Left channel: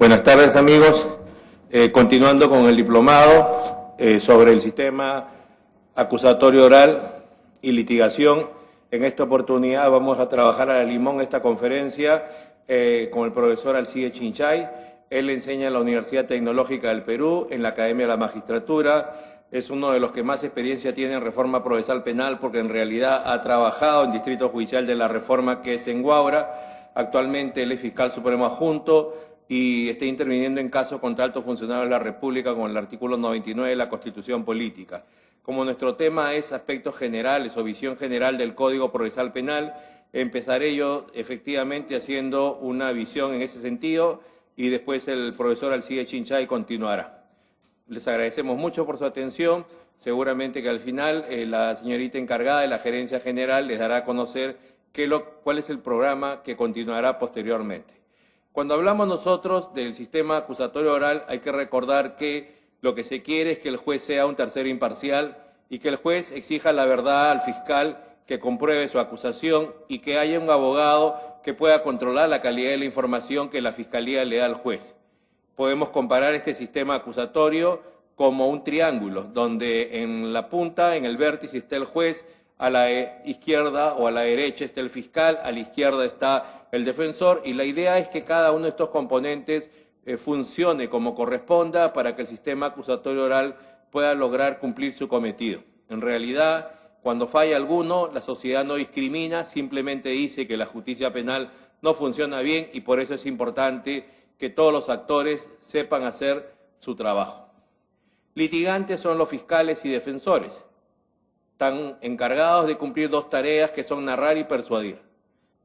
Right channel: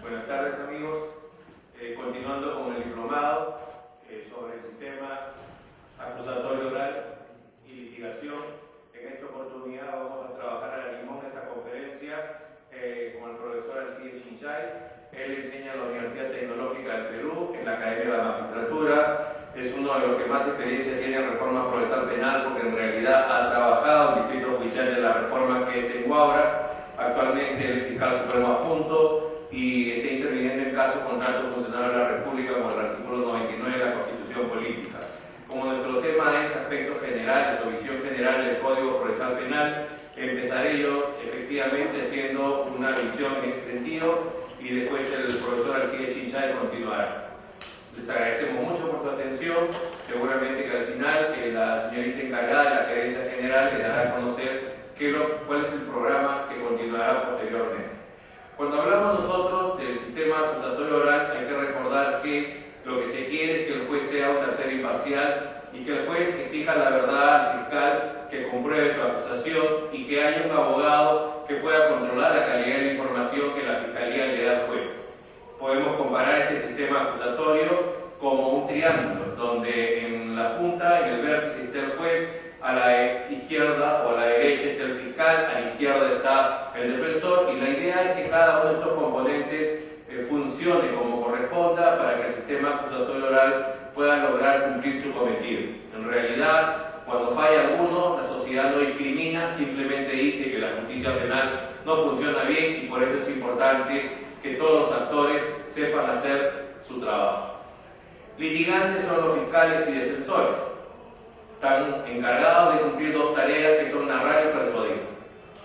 Buenas tardes, amigos. Continuando con el diplomado sobre el sistema acusatorio oral y litigación. En esta oportunidad vamos a trabajar a la limón esta conferencia con el profesor Alcide Chinchay. Él enseña en la Universidad Tecnológica del Perú, en la Academia de la Magistratura. Es uno de los que más experiencia tiene en reforma procesal penal porque en realidad ha trabajado en Distrito Judicial de la Reforma, que es en Huaura. Actualmente él es fiscal supremo adjunto y está interviniendo en casos contra altos funcionarios de la República con el artículo 99 de la Constitución Política. Como nuestro tema es aspectos generales o visión general del Código Procesal Penal, empezaré yo efectivamente haciendo una visión en ese sentido y después el profesor Alcide Chinchay continuará. Les agradecemos mucho por su atención. Seguramente que al final la señorita encargada de la Gerencia General les dará a conocer cuál es el programa que continuará posteriormente. Cuando hablamos nosotros del sistema acusatorio oral, hay que recordar que lo que se quiere es que el juez sea un tercero imparcial y que el juez exija la verdad al fiscal, que compruebe su acusación y que haya un abogado que pueda controlar la calidad de la información que la fiscalía le da al juez. Podemos comparar este sistema acusatorio como un triángulo, donde en la punta, en el vértice, está el juez, a la izquierda o a la derecha está el fiscal, a la izquierda está el defensor, y la idea es que cada uno de estos componentes funcione como corresponda para que el sistema acusatorio oral pueda lograr cumplir su cometido. En realidad, cuando falla alguno, la sociedad no discrimina, simplemente dice que la justicia penal no funciona bien y por eso es importante que todos los actores sepan hacer su trabajo. Litigantes son los fiscales y defensores. Están encargados de cumplir dos tareas que son narrar y persuadir.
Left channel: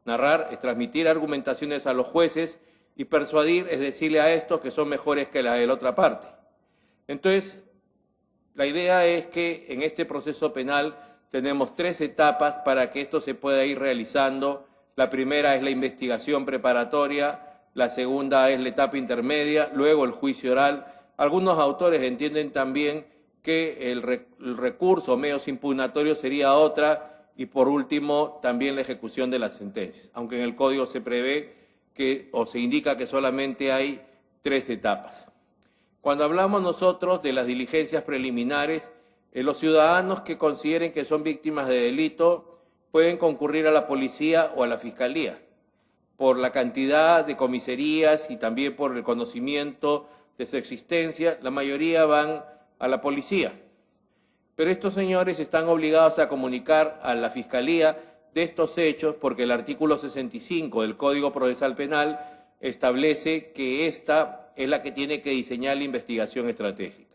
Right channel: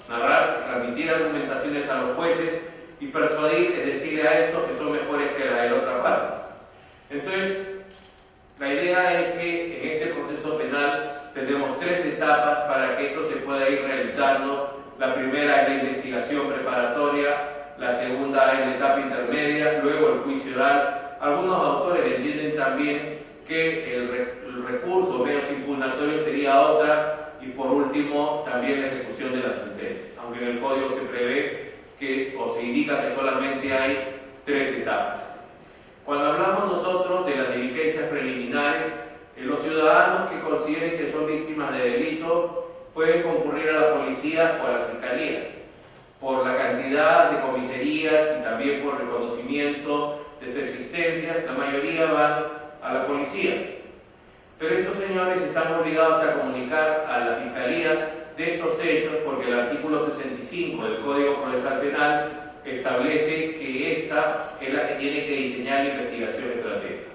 Narrar es transmitir argumentaciones a los jueces y persuadir es decirle a estos que son mejores que la de la otra parte. Entonces, la idea es que en este proceso penal tenemos tres etapas para que esto se pueda ir realizando. La primera es la investigación preparatoria, la segunda es la etapa intermedia, luego el juicio oral. Algunos autores entienden también que el recurso medios impugnatorios sería otra, y por último también la ejecución de la sentencia, aunque en el código se prevé o se indica que solamente hay tres etapas. Cuando hablamos nosotros de las diligencias preliminares, los ciudadanos que consideren que son víctimas de delito pueden concurrir a la policía o a la fiscalía por la cantidad de comisarías y también por el reconocimiento de su existencia. La mayoría van a la policía, pero estos señores están obligados a comunicar a la fiscalía de estos hechos porque el artículo 65 del Código Procesal Penal establece que esta es la que tiene que diseñar la investigación estratégica.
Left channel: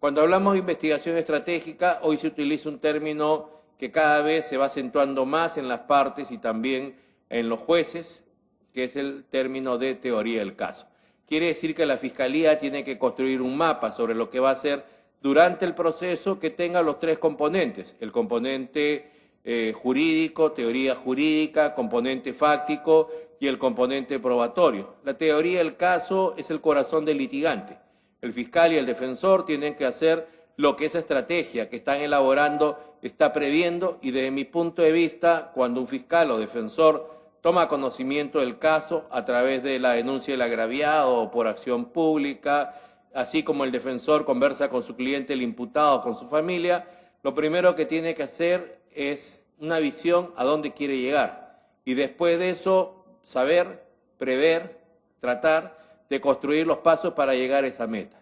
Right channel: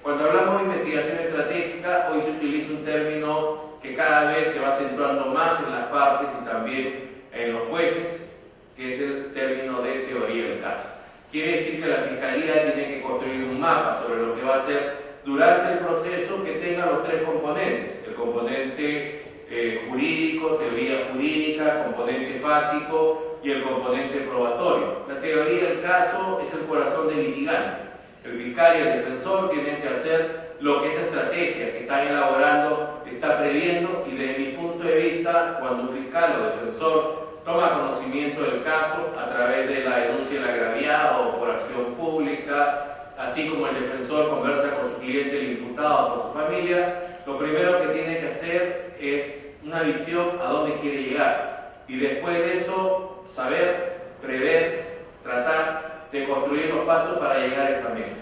Cuando hablamos de investigación estratégica, hoy se utiliza un término que cada vez se va acentuando más en las partes y también en los jueces, que es el término de teoría del caso. Quiere decir que la Fiscalía tiene que construir un mapa sobre lo que va a hacer durante el proceso que tenga los tres componentes: el componente jurídico, teoría jurídica, componente fáctico y el componente probatorio. La teoría del caso es el corazón del litigante. El fiscal y el defensor tienen que hacer lo que esa estrategia que están elaborando está previendo, y desde mi punto de vista, cuando un fiscal o defensor toma conocimiento del caso a través de la denuncia del agraviado o por acción pública, así como el defensor conversa con su cliente, el imputado, con su familia, lo primero que tiene que hacer es una visión a dónde quiere llegar, y después de eso saber, prever, tratar de construir los pasos para llegar a esa meta.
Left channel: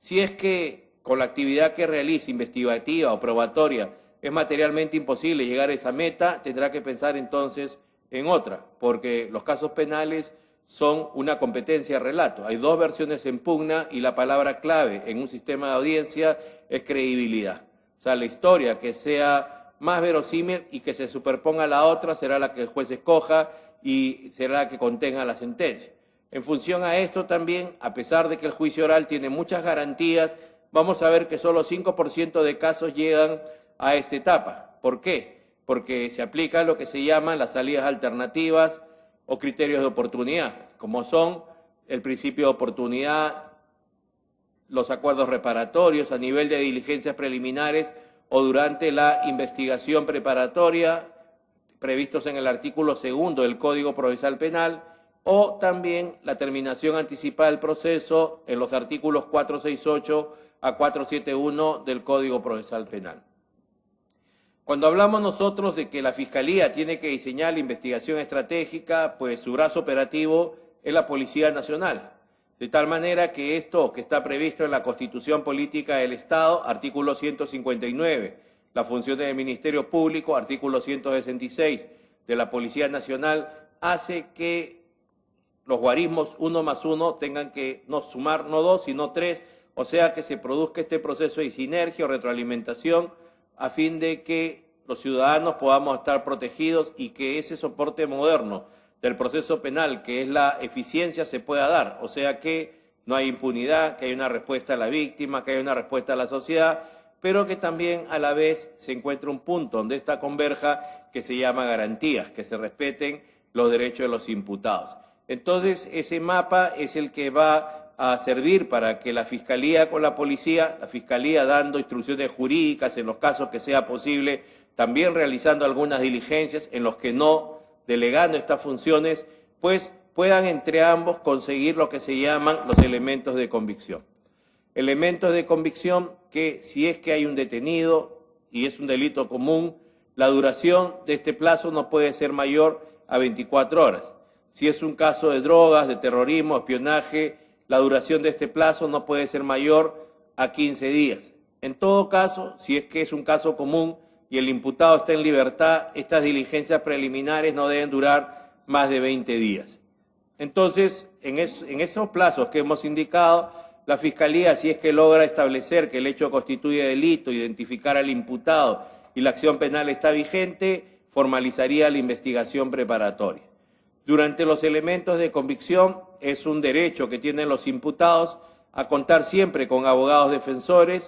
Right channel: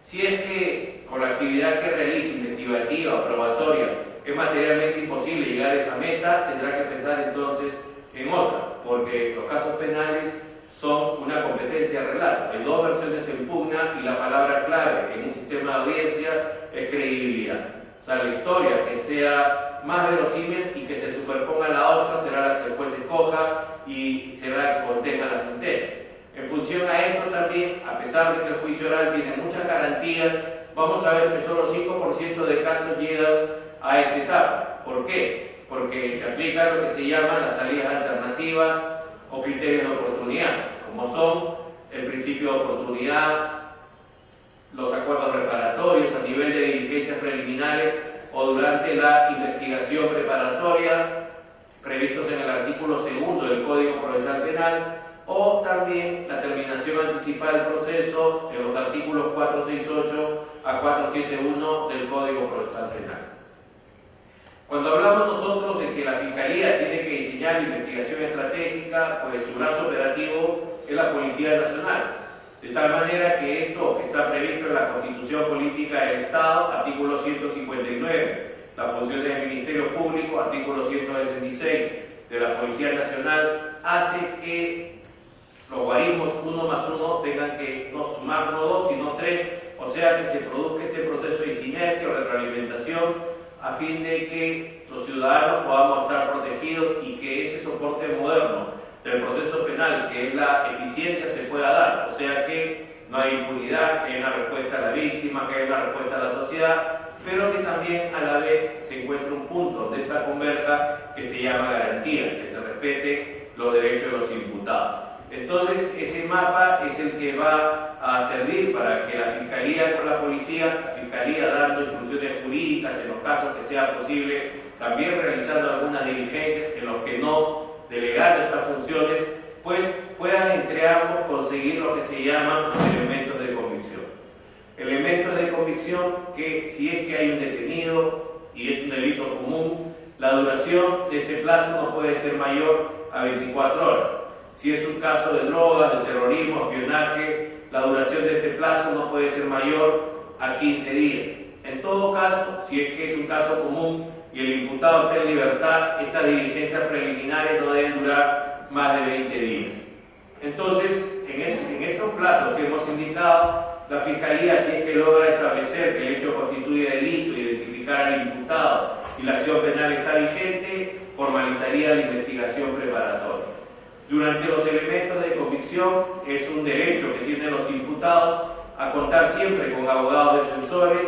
Si es que con la actividad que realice, investigativa o probatoria, es materialmente imposible llegar a esa meta, tendrá que pensar entonces en otra, porque los casos penales son una competencia de relato. Hay dos versiones en pugna y la palabra clave en un sistema de audiencia es credibilidad. O sea, la historia que sea más verosímil y que se superponga a la otra será la que el juez escoja y será la que contenga la sentencia. En función a esto también, a pesar de que el juicio oral tiene muchas garantías, vamos a ver que solo 5% de casos llegan a esta etapa. ¿Por qué? Porque se aplica lo que se llama las salidas alternativas o criterios de oportunidad, como son el principio de oportunidad, los acuerdos reparatorios a nivel de diligencias preliminares o durante la investigación preparatoria, previstos en el artículo 2 del Código Procesal Penal, o también la terminación anticipada del proceso en los artículos 468 a 471 del Código Procesal Penal. Cuando hablamos nosotros de que la Fiscalía tiene que diseñar investigación estratégica, pues su brazo operativo es la Policía Nacional, de tal manera que esto que está previsto en la Constitución Política del Estado, artículo 159, las funciones del Ministerio Público, artículo 166 de la Policía Nacional, hace que los guarismos 1 más 1 tengan que no sumar no 2 sino 3, o sea que se produzca este proceso de sinergia o retroalimentación a fin de que los ciudadanos podamos estar protegidos y que ese soporte moderno del proceso penal, que es la eficiencia, se pueda dar, o sea que no hay impunidad, que hay una respuesta a la víctima, que hay una respuesta a la sociedad, pero que también a la vez se encuentra un punto donde esta converja que se llama garantías, que se respeten los derechos de los imputados. Entonces, ese mapa es el que va a servir para que la Fiscalía con la Policía, la Fiscalía dando instrucciones jurídicas en los casos que sea posible, también realizando algunas diligencias en los que no delegando estas funciones, pues puedan entre ambos conseguir lo que se llaman los elementos de convicción. Elementos de convicción que, si es que hay un detenido y es un delito común, la duración de este plazo no puede ser mayor a 24 horas. Si es un caso de drogas, de terrorismo, espionaje, la duración de este plazo no puede ser mayor a 15 días. En todo caso, si es que es un caso común y el imputado está en libertad, estas diligencias preliminares no deben durar más de 20 días. Entonces, en esos plazos que hemos indicado, la Fiscalía, si es que logra establecer que el hecho constituye delito, identificar al imputado y la acción penal está vigente, formalizaría la investigación preparatoria. Durante los elementos de convicción es un derecho que tienen los imputados a contar siempre con abogados defensores,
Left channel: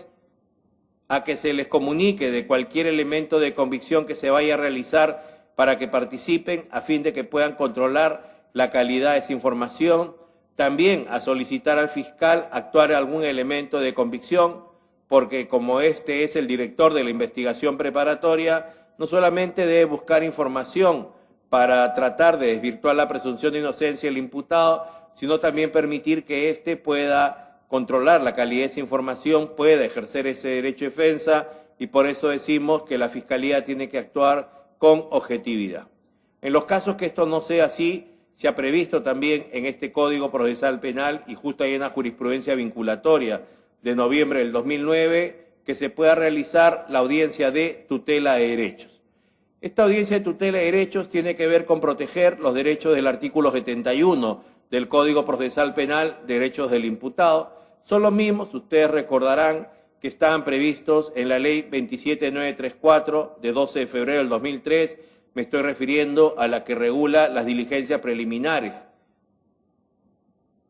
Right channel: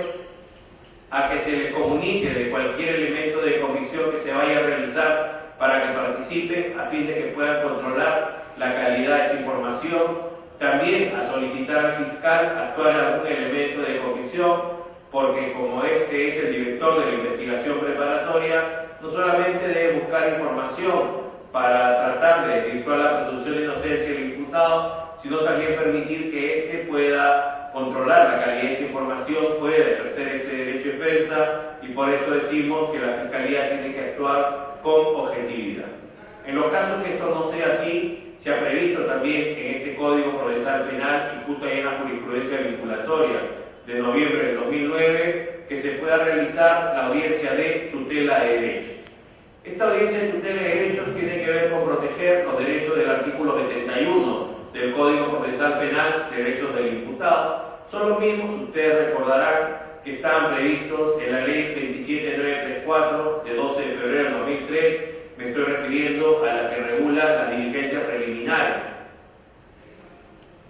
a que se les comunique de cualquier elemento de convicción que se vaya a realizar para que participen a fin de que puedan controlar la calidad de esa información, también a solicitar al fiscal actuar en algún elemento de convicción, porque como este es el director de la investigación preparatoria, no solamente debe buscar información para tratar de desvirtuar la presunción de inocencia del imputado, sino también permitir que éste pueda controlar la calidad de esa información, pueda ejercer ese derecho de defensa, y por eso decimos que la Fiscalía tiene que actuar con objetividad. En los casos que esto no sea así, se ha previsto también en este Código Procesal Penal, y justo hay una jurisprudencia vinculatoria de noviembre del 2009, que se pueda realizar la audiencia de tutela de derechos. Esta audiencia de tutela de derechos tiene que ver con proteger los derechos del artículo 71 del Código Procesal Penal, derechos del imputado. Son los mismos, ustedes recordarán, que estaban previstos en la Ley 27934 de 12 de febrero del 2003, me estoy refiriendo a la que regula las diligencias preliminares.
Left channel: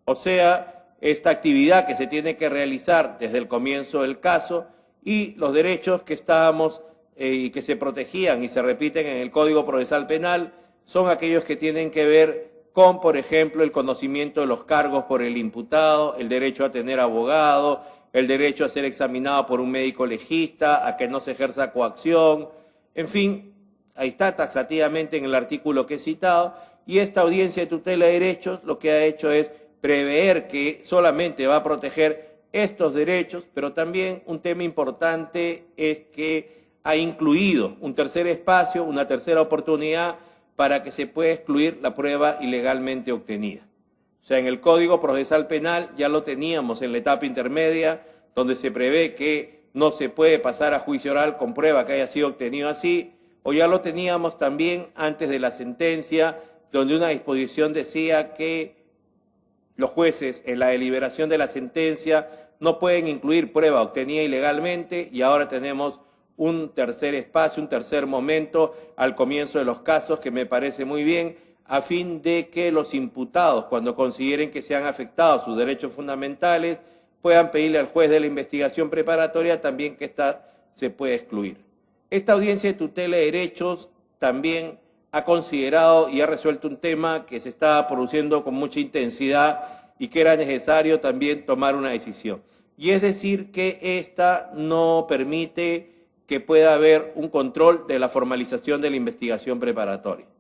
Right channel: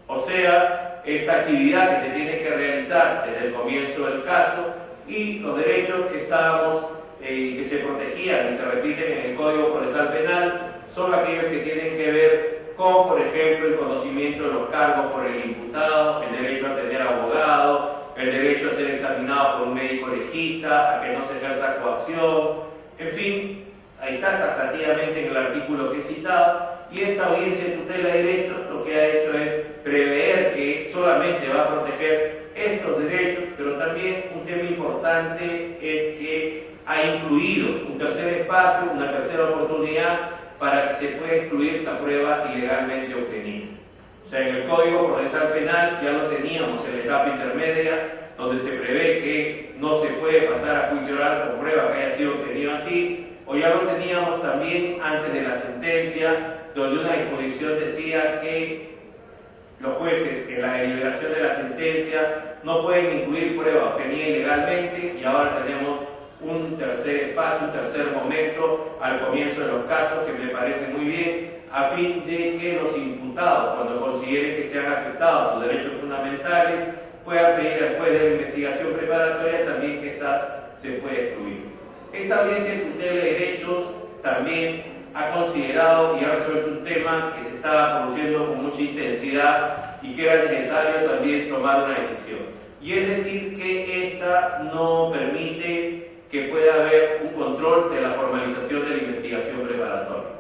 O sea, esta actividad que se tiene que realizar desde el comienzo del caso y los derechos que estábamos y que se protegían y se repiten en el Código Procesal Penal son aquellos que tienen que ver con, por ejemplo, el conocimiento de los cargos por el imputado, el derecho a tener abogado, el derecho a ser examinado por un médico legista, a que no se ejerza coacción, en fin, ahí está taxativamente en el artículo que he citado, y esta audiencia de tutela de derechos lo que ha hecho es prever que solamente va a proteger estos derechos, pero también un tema importante es que ha incluido un tercer espacio, una tercera oportunidad para que se pueda excluir la prueba ilegalmente obtenida. O sea, en el Código Procesal Penal ya lo teníamos en la etapa intermedia, donde se prevé que no se puede pasar a juicio oral con prueba que haya sido obtenido así, o ya lo teníamos también antes de la sentencia, donde una disposición decía que los jueces en la deliberación de la sentencia no pueden incluir prueba obtenida ilegalmente, y ahora tenemos un tercer espacio, un tercer momento al comienzo de los casos que me parece muy bien, a fin de que los imputados, cuando consideren que se han afectado sus derechos fundamentales, puedan pedirle al juez de la investigación preparatoria también que ésta se pueda excluir. Esta audiencia de tutela de derechos también ha considerado y ha resuelto un tema que se estaba produciendo con mucha intensidad y que era necesario también tomar una decisión. Y es decir, que esta no permite que pueda haber un control de la formalización de la investigación preparatoria.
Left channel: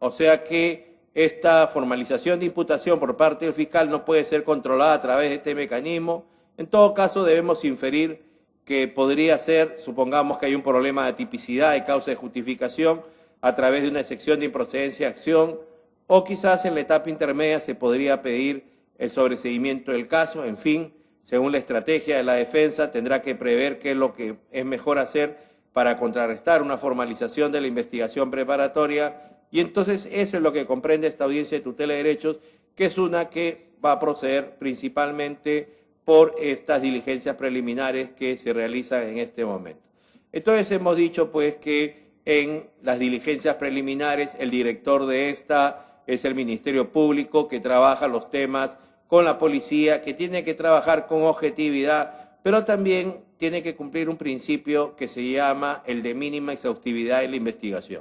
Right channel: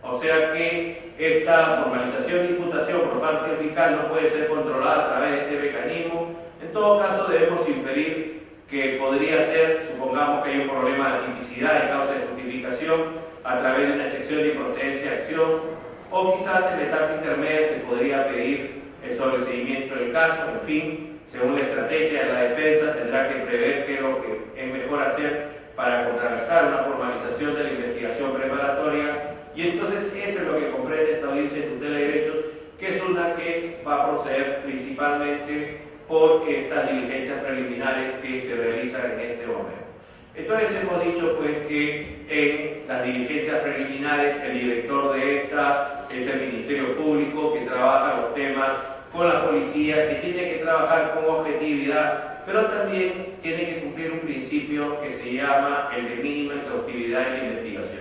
O sea que esta formalización de imputación por parte del fiscal no puede ser controlada a través de este mecanismo. En todo caso, debemos inferir que podría ser, supongamos que hay un problema de tipicidad de causa de justificación, a través de una excepción de improcedencia de acción, o quizás en la etapa intermedia se podría pedir el sobreseimiento del caso. En fin, según la estrategia de la defensa, tendrá que prever qué es lo que es mejor hacer para contrarrestar una formalización de la investigación preparatoria, y entonces eso es lo que comprende esta audiencia de tutela de derechos, que es una que va a proceder principalmente por estas diligencias preliminares que se realizan en este momento. Entonces hemos dicho pues que en las diligencias preliminares el director de esta es el Ministerio Público, que trabaja los temas con la policía, que tiene que trabajar con objetividad, pero también tiene que cumplir un principio que se llama el de mínima exhaustividad en la investigación.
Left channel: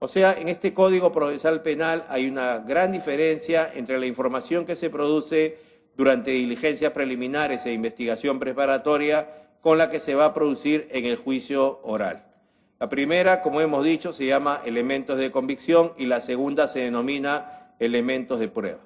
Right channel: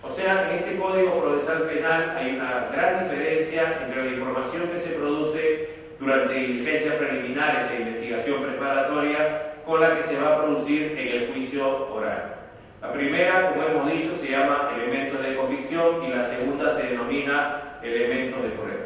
O sea, en este Código Procesal Penal hay una gran diferencia entre la información que se produce durante diligencias preliminares e investigación preparatoria con la que se va a producir en el juicio oral. La primera, como hemos dicho, se llama elementos de convicción y la segunda se denomina elementos de prueba.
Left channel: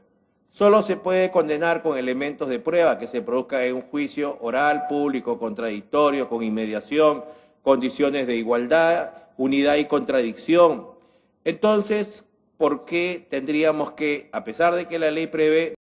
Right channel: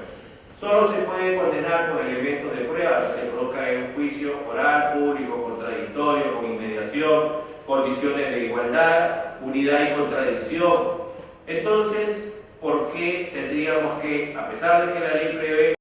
Solo se puede condenar con elementos de prueba que se produzca en un juicio oral, público, contradictorio, con inmediación, condiciones de igualdad, unidad y contradicción. Entonces, ¿por qué tendríamos que, a pesar de que la ley prevé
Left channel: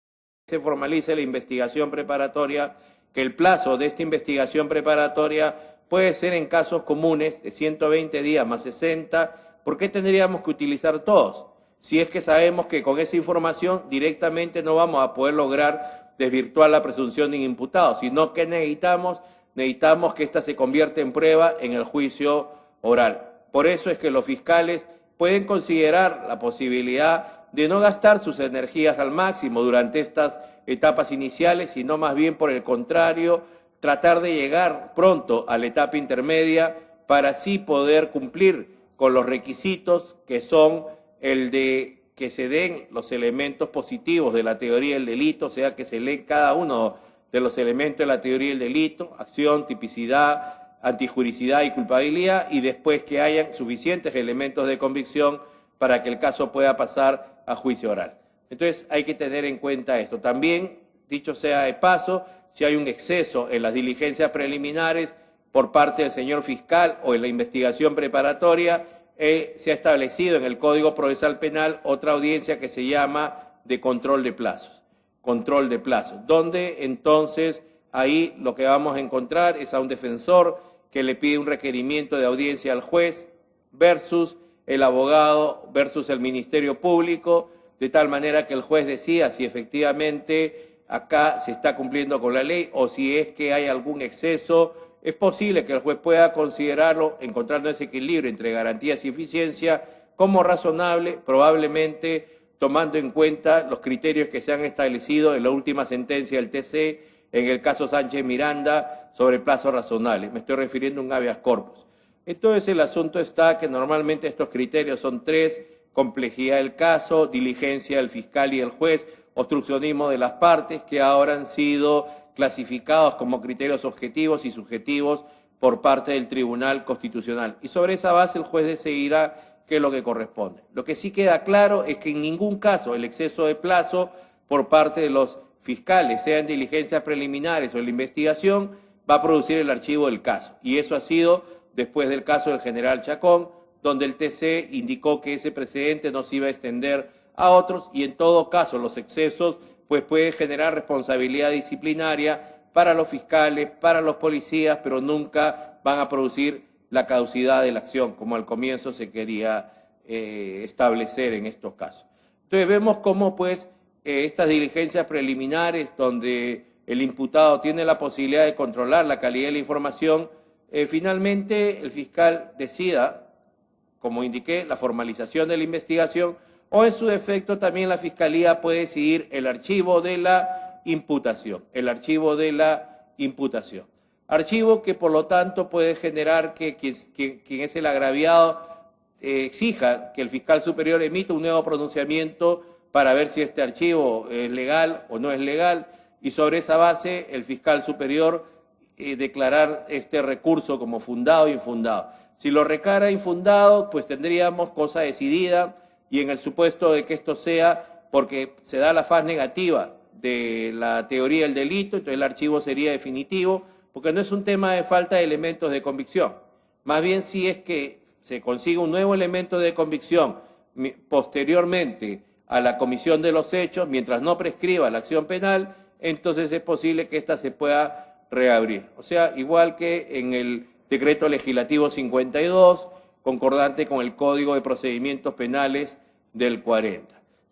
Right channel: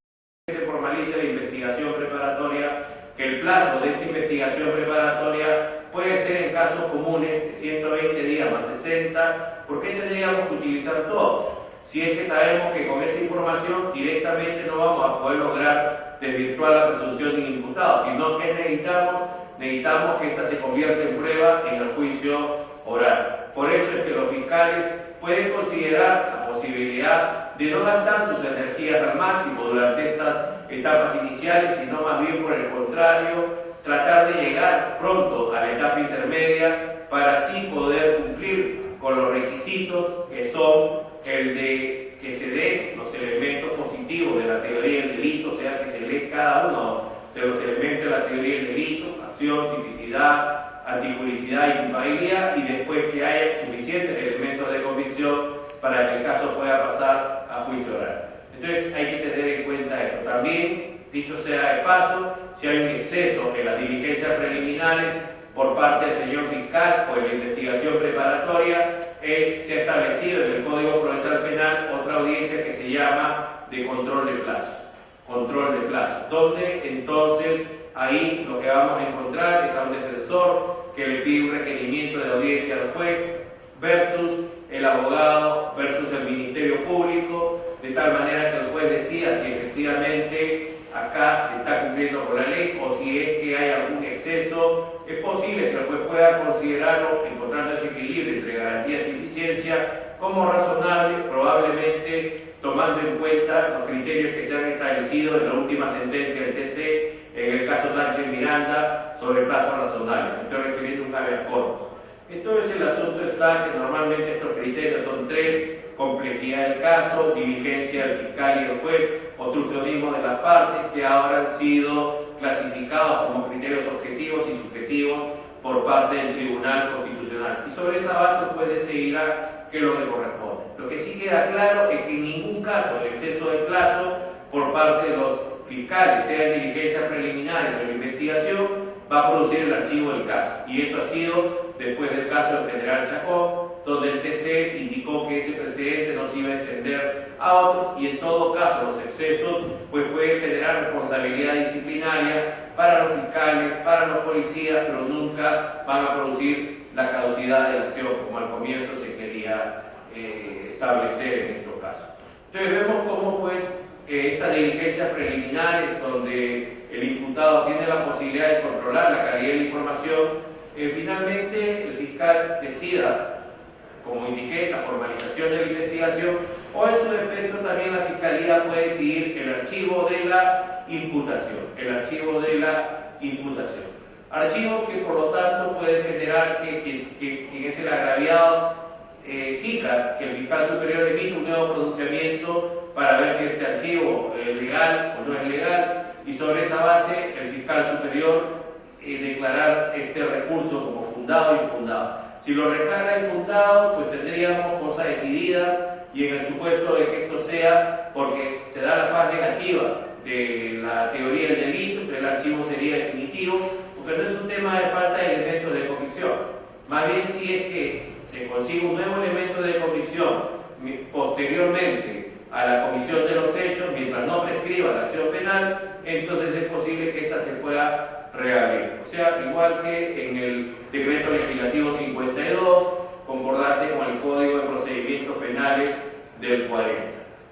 que se formalice la investigación preparatoria, que el plazo de esta investigación preparatoria puede ser en casos comunes de 120 días más 60, ¿por qué tendríamos que utilizar todos? Si es que sabemos que con esa información directamente no vamos a poder lograr desvirtuar la presunción de imputado, sino que necesitamos que ésta se convierta en prueba en el juicio oral. Por eso es que los fiscales pueden considerar la posibilidad de no gastar sus energías al máximo durante estas etapas iniciales, sino más bien por el contrario, tratar de llegar pronto a la etapa intermedia para así poder cumplir con los requisitos que son el de que se den los elementos positivos de la teoría del delito, o sea, que se lee cada uno de los elementos de la teoría del delito, acción, tipicidad, antijuricidad y culpabilidad, y después que haya suficientes elementos de convicción para que el caso pueda pasar a juicio oral. Entonces hay que tener en cuenta esto. También, dicho sea de paso, si hay un exceso en las diligencias preliminares por parte del señor fiscal o en la investigación preparatoria, se ha establecido en el Código Procesal Penal otra audiencia que se llama de control de plazo. Control de plazo, donde entonces ahí lo que vamos a encontrar es a un defensor que le pide un requerimiento de audiencia al juez versus el abogado versus el Ministerio Público, de tal manera que el juez decida si efectivamente acá se está cumpliendo con la ley o si es que hay algún exceso. Es posible que el juez pueda considerarlo, encontrando ese equilibrio entre garantías y eficiencia, como razonable, probablemente tomando en cuenta los criterios que se han establecido en la última sentencia del TC en el caso Sánchez Miranda sobre plazo razonable. Me estoy refiriendo a un habeas corpus. Entonces el asunto está que normalmente estos criterios son tres: complejidad del caso, diligencia del fiscal y el juez, obstruccionismo de las partes, que ahora han sido clasificados como criterios objetivos y subjetivos por parte del Tribunal Constitucional. Y sobre esa base el juez decidirá qué es lo que corresponde. Lo que sí queda claro es que en ningún caso el exceso de plazo por parte de los fiscales, sea en diligencias preliminares o en la investigación, va a producir el archivo del caso. Y eso ha sido después del caso del general Chacón, donde el TC indicó que ese precedente no se iba a extender a otros, y en todo caso los excesos pues pueden generar responsabilidad disciplinaria para los fiscales, para los policías, pero nunca van a producir la caducidad de la acción, como al comienzo se quería establecer en estos casos. Entonces vemos cómo pues estas diligencias preliminares, donde el imputado tiene la posibilidad de controlar la calidad de la información, finalmente el fiscal decida, como indiqué, la formalización de la investigación, o en su defecto también la Fiscalía puede decidir el archivo de la imputación. Archivo que por lo tanto puede generar que quien es el agraviado exija que el fiscal superior emita un nuevo pronunciamiento para ver si este archivo es legal o no es legal, y sobre esa base el fiscal superior declarar este recurso como fundado o infundado. Si lo declara infundado, pues tendríamos cosa decidida y en el supuesto de que esto sea porque se da la faz negativa de la teoría del delito, entonces el archivo sería definitivo, porque no es un tema de falta de elementos de convicción. Más bien si es que se consigue un nuevo elemento de convicción posteriormente a la comisión de los hechos, mientras no prescriba la acción penal, entonces es posible que ésta se pueda reabrir. O sea, igual que en el decreto legislativo 52, concordante con el Código de Procedimientos Penales del 40.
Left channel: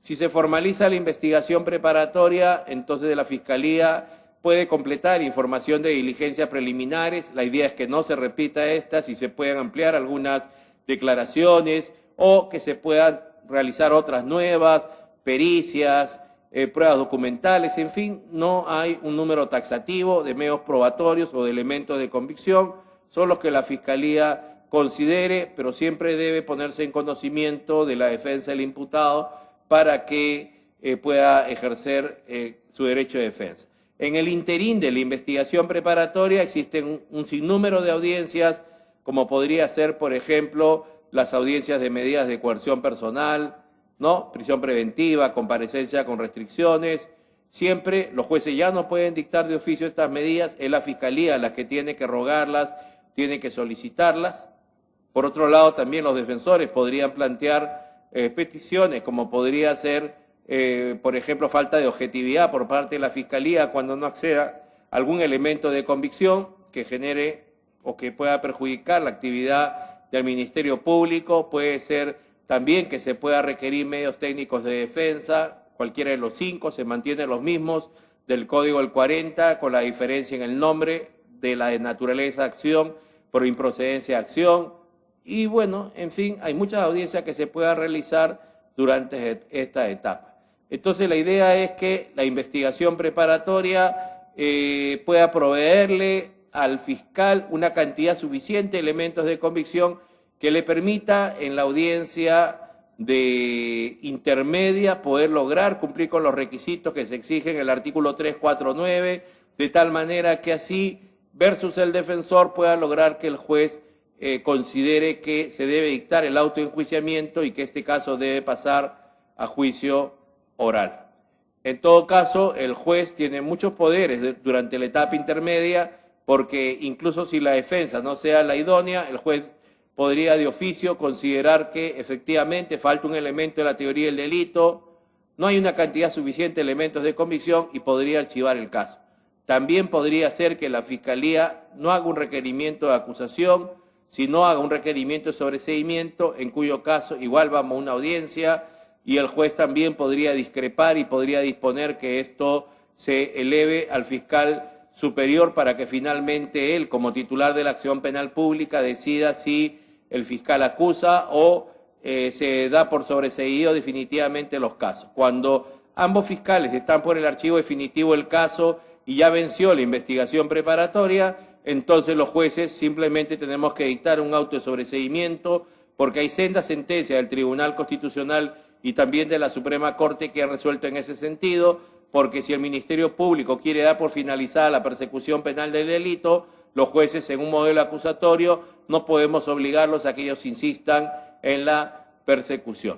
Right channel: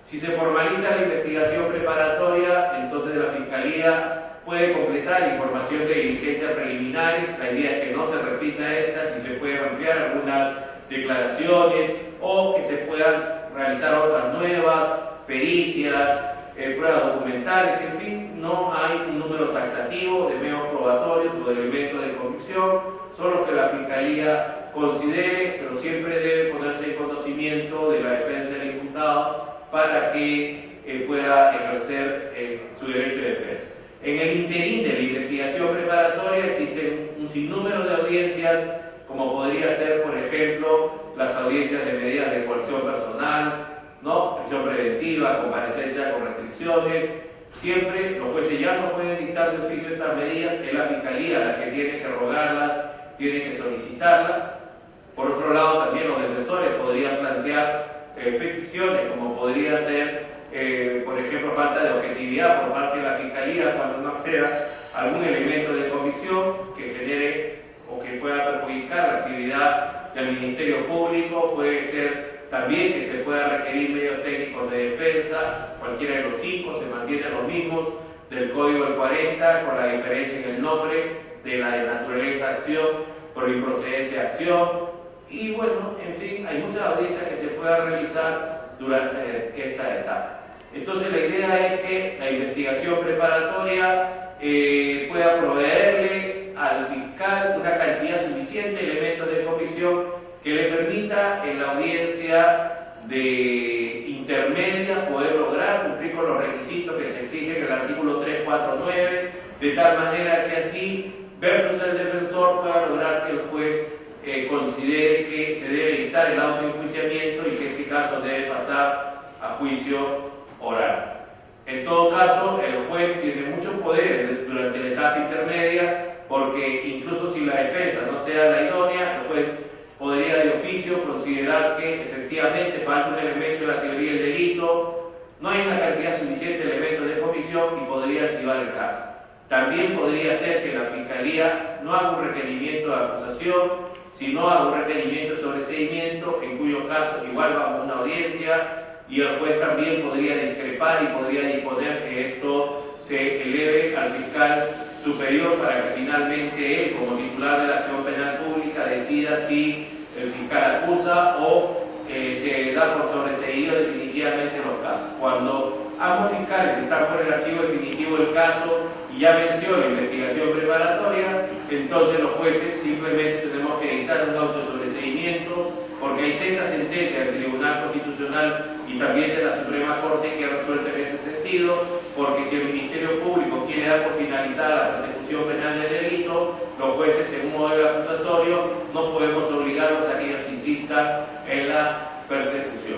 Si se formaliza la investigación preparatoria, entonces la Fiscalía puede completar información de diligencias preliminares. La idea es que no se repita esta, si se pueden ampliar algunas declaraciones o que se puedan realizar otras nuevas, pericias, pruebas documentales, en fin, no hay un número taxativo de medios probatorios o de elementos de convicción, son los que la Fiscalía considere, pero siempre debe ponerse en conocimiento de la defensa del imputado para que pueda ejercer su derecho de defensa. En el interín de la investigación preparatoria existen un sinnúmero de audiencias, como podría ser, por ejemplo, las audiencias de medidas de coerción personal, ¿no? Prisión preventiva, comparecencia con restricciones. Siempre los jueces ya no pueden dictar de oficio estas medidas, es la Fiscalía la que tiene que rogarlas, tiene que solicitarlas. Por otro lado, también los defensores podrían plantear peticiones, como podría ser, por ejemplo, falta de objetividad por parte de la Fiscalía cuando no acceda a algún elemento de convicción que genere o que pueda perjudicar la actividad del Ministerio Público. Puede ser también que se pueda requerir medios técnicos de defensa, cualquiera de los 5, se mantienen los mismos del Código del 40, con la diferencia en el nombre de la de naturaleza de acción por improcedencia de acción. Y bueno, en fin, hay muchas audiencias que se puedan realizar durante esta etapa. Entonces la idea es que la investigación preparatoria pueda proveerle al fiscal una cantidad suficiente de elementos de convicción que le permita en la audiencia de intermedia poder lograr cumplir con los requisitos que se exigen en el artículo 349, de tal manera que así, versus el defensor, pueda lograr que el juez considere que se debe dictar el autoenjuiciamiento y que este caso debe pasar a juicio oral. En todo caso, el juez tiene muchos poderes durante la etapa intermedia, porque incluso si la defensa no sea la idónea, el juez podría de oficio considerar que efectivamente falta un elemento de la teoría del delito, no hay una cantidad suficiente de elementos de convicción y podría archivar el caso. También podría ser que la Fiscalía no haga un requerimiento de acusación, sino haga un requerimiento de sobreseimiento, en cuyo caso igual vamos a una audiencia y el juez también podría discrepar y podría disponer que esto se eleve al fiscal superior para que finalmente él, como titular de la acción penal pública, decida si el fiscal acusa o se da por sobreseído definitivamente los casos. Cuando ambos fiscales están por el archivo definitivo del caso y ya venció la investigación preparatoria, entonces los jueces simplemente tenemos que dictar un auto de sobreseimiento, porque hay sendas sentencias del Tribunal Constitucional y también de la Suprema Corte que han resuelto en ese sentido, porque si el Ministerio Público quiere dar por finalizada la persecución penal del delito, los jueces en un modelo acusatorio no podemos obligarlos a que ellos insistan en la persecución.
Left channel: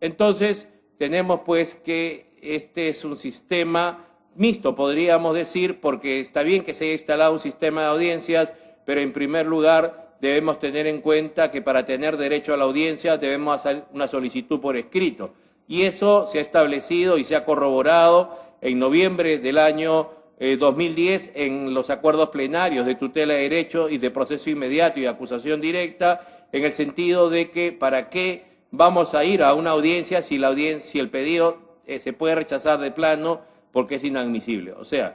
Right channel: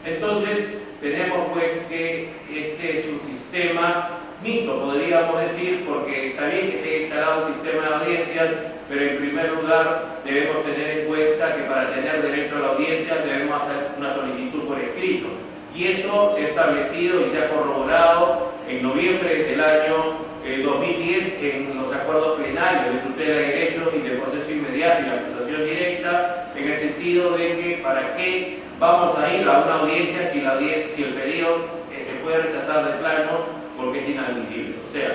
Entonces tenemos pues que este es un sistema mixto, podríamos decir, porque está bien que se haya instalado un sistema de audiencias, pero en primer lugar debemos tener en cuenta que para tener derecho a la audiencia debemos hacer una solicitud por escrito. Y eso se ha establecido y se ha corroborado en noviembre del año 2010 en los acuerdos plenarios de tutela de derechos y de proceso inmediato y acusación directa, en el sentido de que para qué vamos a ir a una audiencia si el pedido se puede rechazar de plano porque es inadmisible. O sea,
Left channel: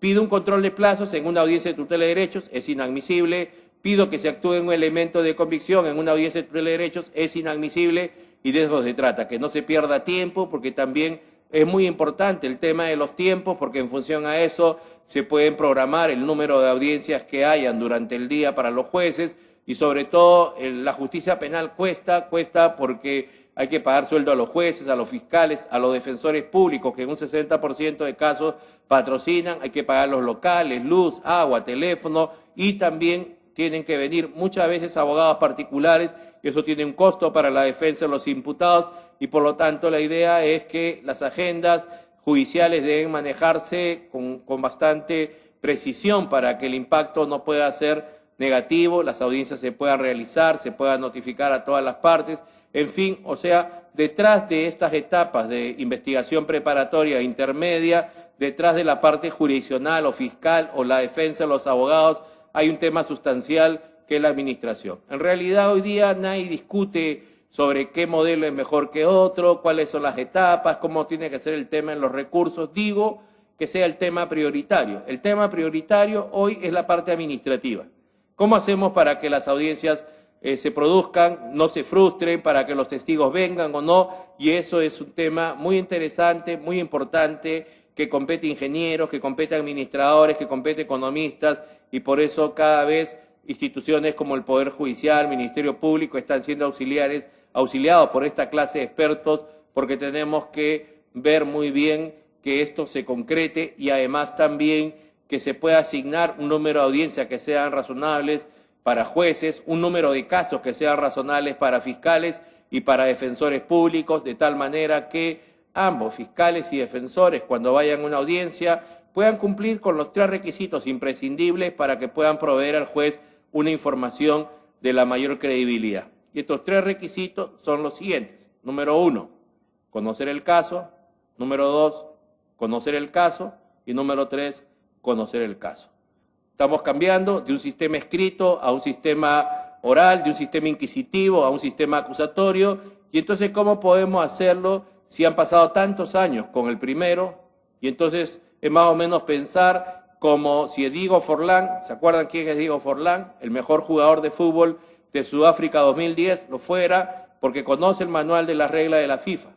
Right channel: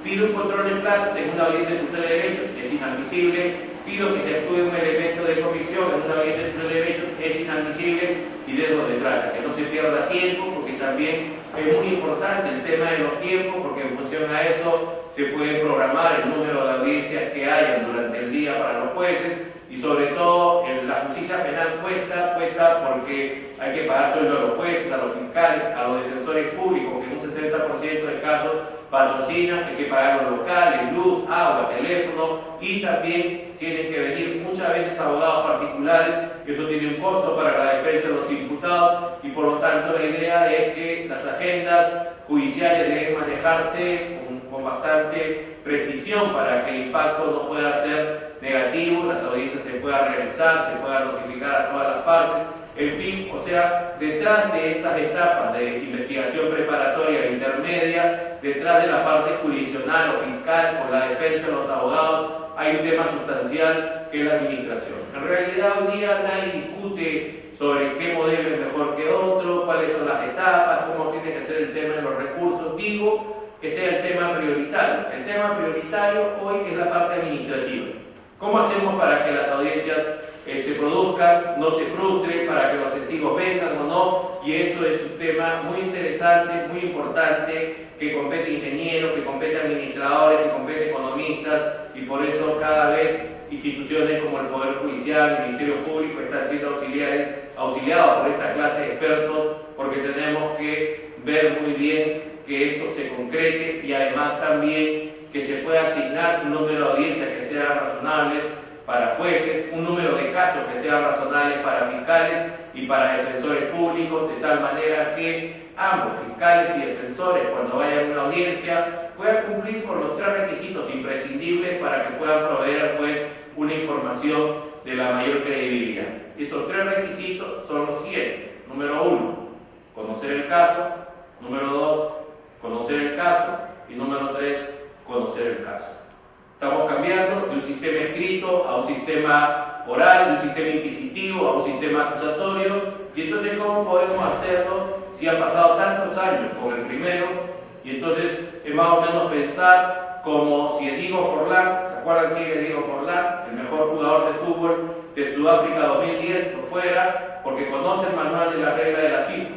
pido un control de plazos en una audiencia de tutela de derechos, es inadmisible. Pido que se actúe un elemento de convicción en una audiencia de tutela de derechos, es inadmisible, y de eso se trata, que no se pierda tiempo, porque también es muy importante el tema de los tiempos, porque en función a eso se puede programar el número de audiencias que hayan durante el día para los jueces, y sobre todo la justicia penal cuesta porque hay que pagar sueldo a los jueces, a los fiscales, a los defensores públicos, que en un 60% de casos patrocinan, hay que pagar los locales, luz, agua, teléfono, y también tienen que venir muchas veces abogados particulares, eso tiene un costo para la defensa de los imputados y por lo tanto la idea es que las agendas judiciales deben manejarse con bastante precisión para que el impacto no pueda ser negativo, las audiencias se puedan realizar, se puedan notificar a todas las partes, en fin, o sea, detrás de estas etapas de investigación preparatoria e intermedia, detrás de la parte jurisdiccional o fiscal o la defensa de los abogados, hay un tema sustancial que es la administración. En realidad hoy día nadie discute sobre qué modelo es mejor que otro, cuáles son las etapas, cómo tiene que ser el tema en los recursos. Digo que sea el tema prioritario. El tema prioritario hoy es la parte administrativa. ¿Cómo hacemos para que las audiencias se produzcan, no se frustren, para que los testigos vengan o no? Y eso es un tema muy interesante, muy importante, que compete a ingenieros, que compete a administradores, que compete a economistas, y por eso cada vez instituciones como el Poder Judicial, el Ministerio Público están siendo auxiliados por esta clase de expertos, porque tenemos que ver muy bien que esto se concrete y además también que se pueda asignar un número de audiencias que sean razonables para jueces, un número de casos que sean razonables para fiscales y para defensores públicos, de tal manera que ambos, fiscales y defensores, cuando vayan a una audiencia, puedan cumplir con los 3 requisitos imprescindibles para que puedan proveer al juez una información de la mayor credibilidad. Estos 3 requisitos son los siguientes. Número 1, conocer el caso. Número 2, conocer el caso. Y número 3, conocer el caso. Estamos cambiando de un sistema escrito a un sistema oral, de un sistema inquisitivo a un sistema acusatorio. Y entonces, ¿cómo podemos hacerlo si han pasado tantos años con el primero? Y entonces es más o menos pensar como si Diego Forlán, ¿se acuerdan quién es Diego Forlán? El mejor jugador de fútbol de Sudáfrica 2010 lo fuera porque conoce el manual de las reglas de la FIFA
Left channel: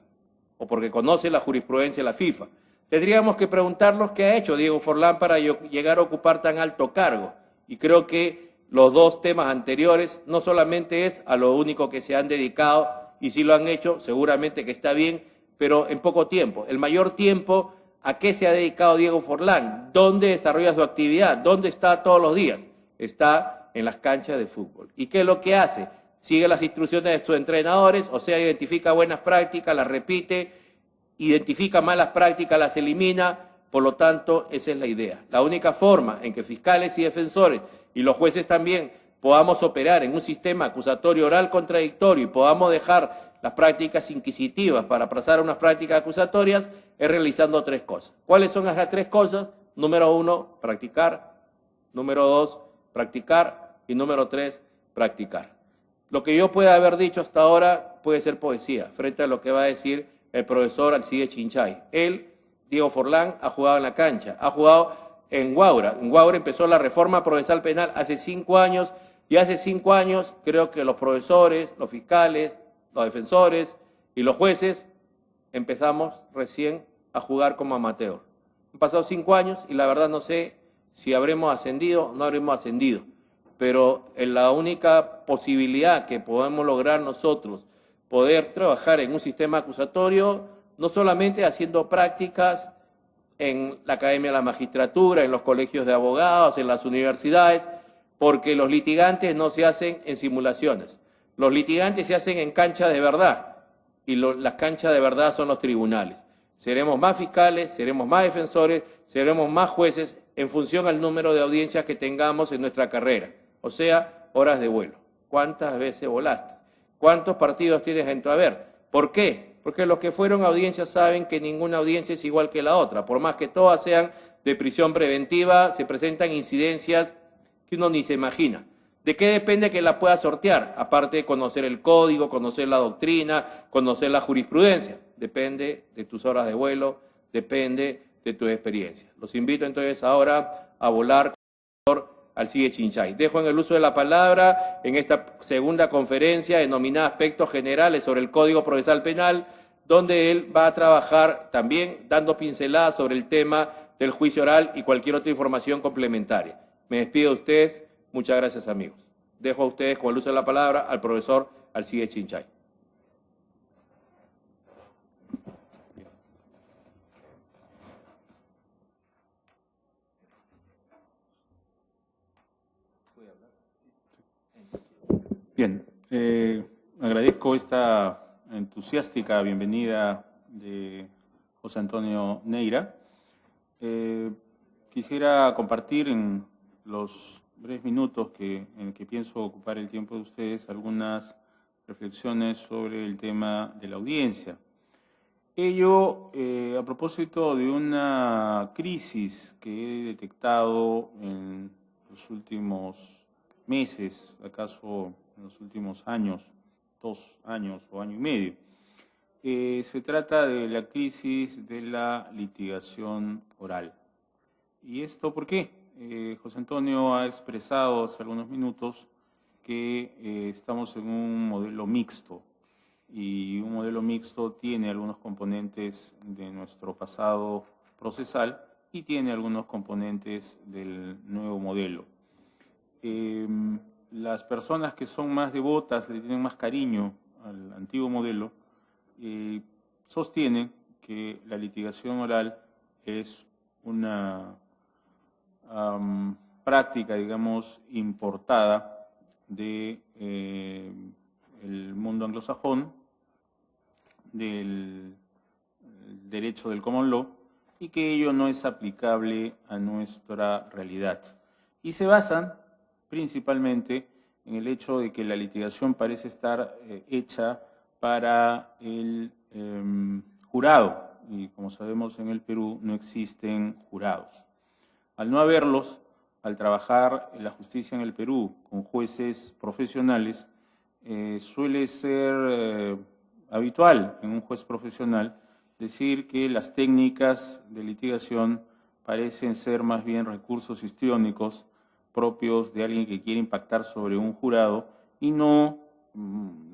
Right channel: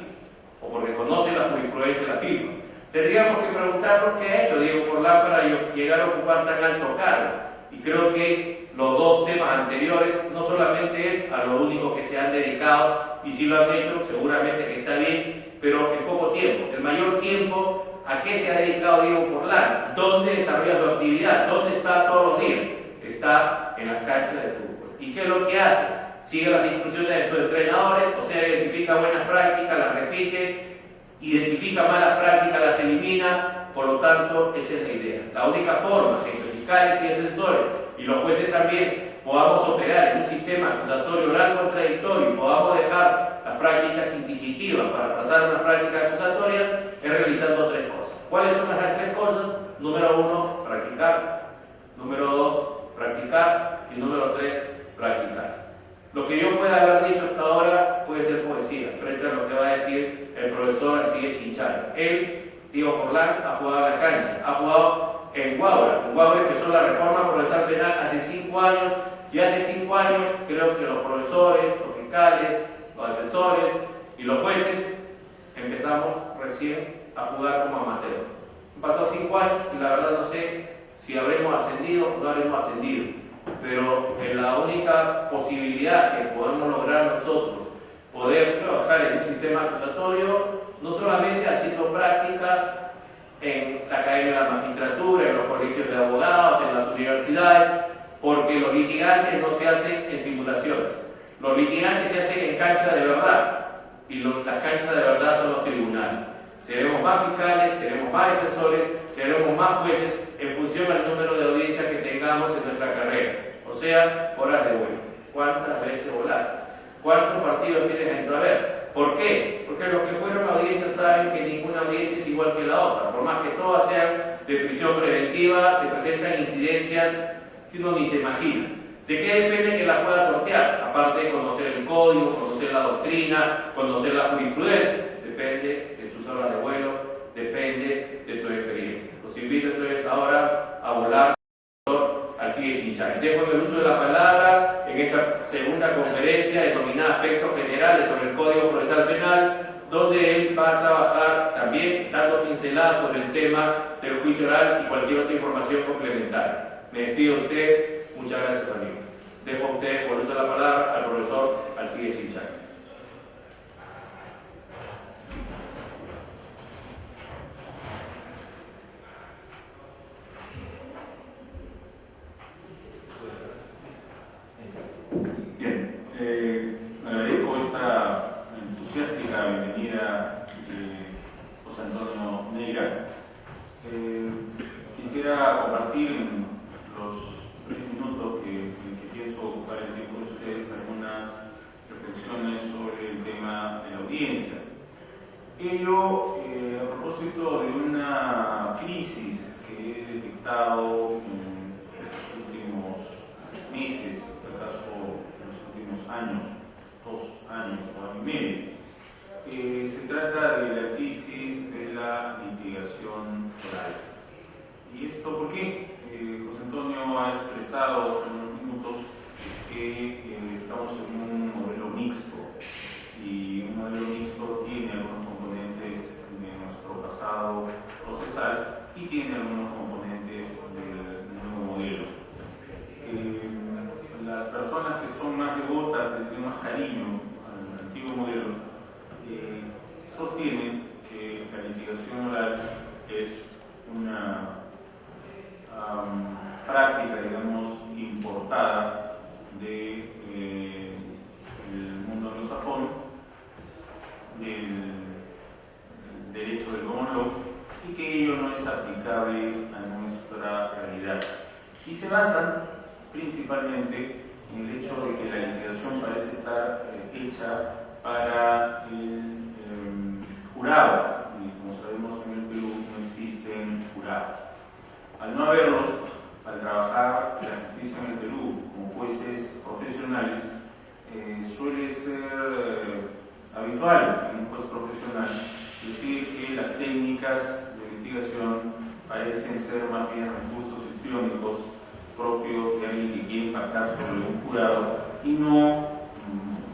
o porque conoce la jurisprudencia de la FIFA. Tendríamos que preguntarnos qué ha hecho Diego Forlán para llegar a ocupar tan alto cargo. Y creo que los 2 temas anteriores no solamente es a lo único que se han dedicado, y si lo han hecho, seguramente que está bien, pero en poco tiempo. El mayor tiempo, ¿a qué se ha dedicado Diego Forlán? ¿Dónde desarrolla su actividad? ¿Dónde está todos los días? Está en las canchas de fútbol. ¿Y qué es lo que hace? Sigue las instrucciones de sus entrenadores, o sea, identifica buenas prácticas, las repite, identifica malas prácticas, las elimina. Por lo tanto, esa es la idea. La única forma en que fiscales y defensores y los jueces también podamos operar en un sistema acusatorio oral contradictorio y podamos dejar las prácticas inquisitivas para pasar a unas prácticas acusatorias es realizando 3 cosas. ¿Cuáles son las 3 cosas? Número 1, practicar. Número 2, practicar. Y número 3, practicar. Lo que yo pueda haber dicho hasta ahora puede ser poesía, frente a lo que va a decir el profesor Alcides Chinchay. Él, Diego Forlán, ha jugado en la cancha, ha jugado en Guaura. En Guaura empezó la reforma procesal penal hace 5 años, y hace 5 años creo que los profesores, los fiscales, los defensores y los jueces empezamos recién a jugar como amateur. Han pasado 5 años y la verdad no sé si habremos ascendido o no habremos ascendido, pero en la única posibilidad que podemos lograr nosotros poder trabajar en un sistema acusatorio, no solamente haciendo prácticas en la Academia de la Magistratura, en los colegios de abogados, en las universidades, porque los litigantes no se hacen en simulaciones. Los litigantes se hacen en cancha de verdad, y las canchas de verdad son los tribunales. Seremos más fiscales, seremos más defensores, seremos más jueces en función al número de audiencias que tengamos en nuestra carrera. O sea, horas de vuelo. ¿Cuántas veces volaste? ¿Cuántos partidos tienes en tu haber? ¿Por qué? Porque los que fueron a audiencias saben que ninguna audiencia es igual que la otra. Por más que todas sean de prisión preventiva, se presentan incidencias que uno ni se imagina. ¿De qué depende que las puedas sortear? Aparte de conocer el código, conocer la doctrina, conocer la jurisprudencia. Depende de tus horas de vuelo, depende de tu experiencia. Los invito entonces ahora a volar Alcides Chinchay. Dejo en el uso de la palabra en esta segunda conferencia denominada Aspectos Generales sobre el Código Procesal Penal, donde él va a trabajar también dando pinceladas sobre el tema del juicio oral y cualquier otra información complementaria. Me despido de ustedes. Muchas gracias, amigos. Dejo a ustedes con el uso de la palabra al profesor Alcides Chinchay. Bien, agradezco esta entusiástica bienvenida de José Antonio Neira. Quisiera compartir en los 3 minutos en que pienso ocupar el tiempo de ustedes algunas reflexiones sobre el tema de la audiencia. Ello a propósito de una crisis que he detectado en los últimos meses, acaso en los últimos años, 2 años o año y medio. Se trata de la crisis de la litigación oral. ¿Y esto por qué? José Antonio ha expresado hace unos minutos que estamos en un modelo mixto, y un modelo mixto tiene algunos componentes de nuestro pasado procesal y tiene algunos componentes del nuevo modelo. Las personas que son más devotas, le tienen más cariño al antiguo modelo, sostienen que la litigación oral es una práctica, digamos, importada del mundo anglosajón, del derecho del common law, y que ello no es aplicable a nuestra realidad. Y se basan principalmente en el hecho de que la litigación parece estar hecha para el jurado, y como sabemos en el Perú no existen jurados. Al no haberlos, al trabajar la justicia en el Perú con jueces profesionales, suele ser habitual en un juez profesional decir que las técnicas de litigación parecen ser más bien recursos histriónicos propios de alguien que quiere impactar sobre un jurado, y no,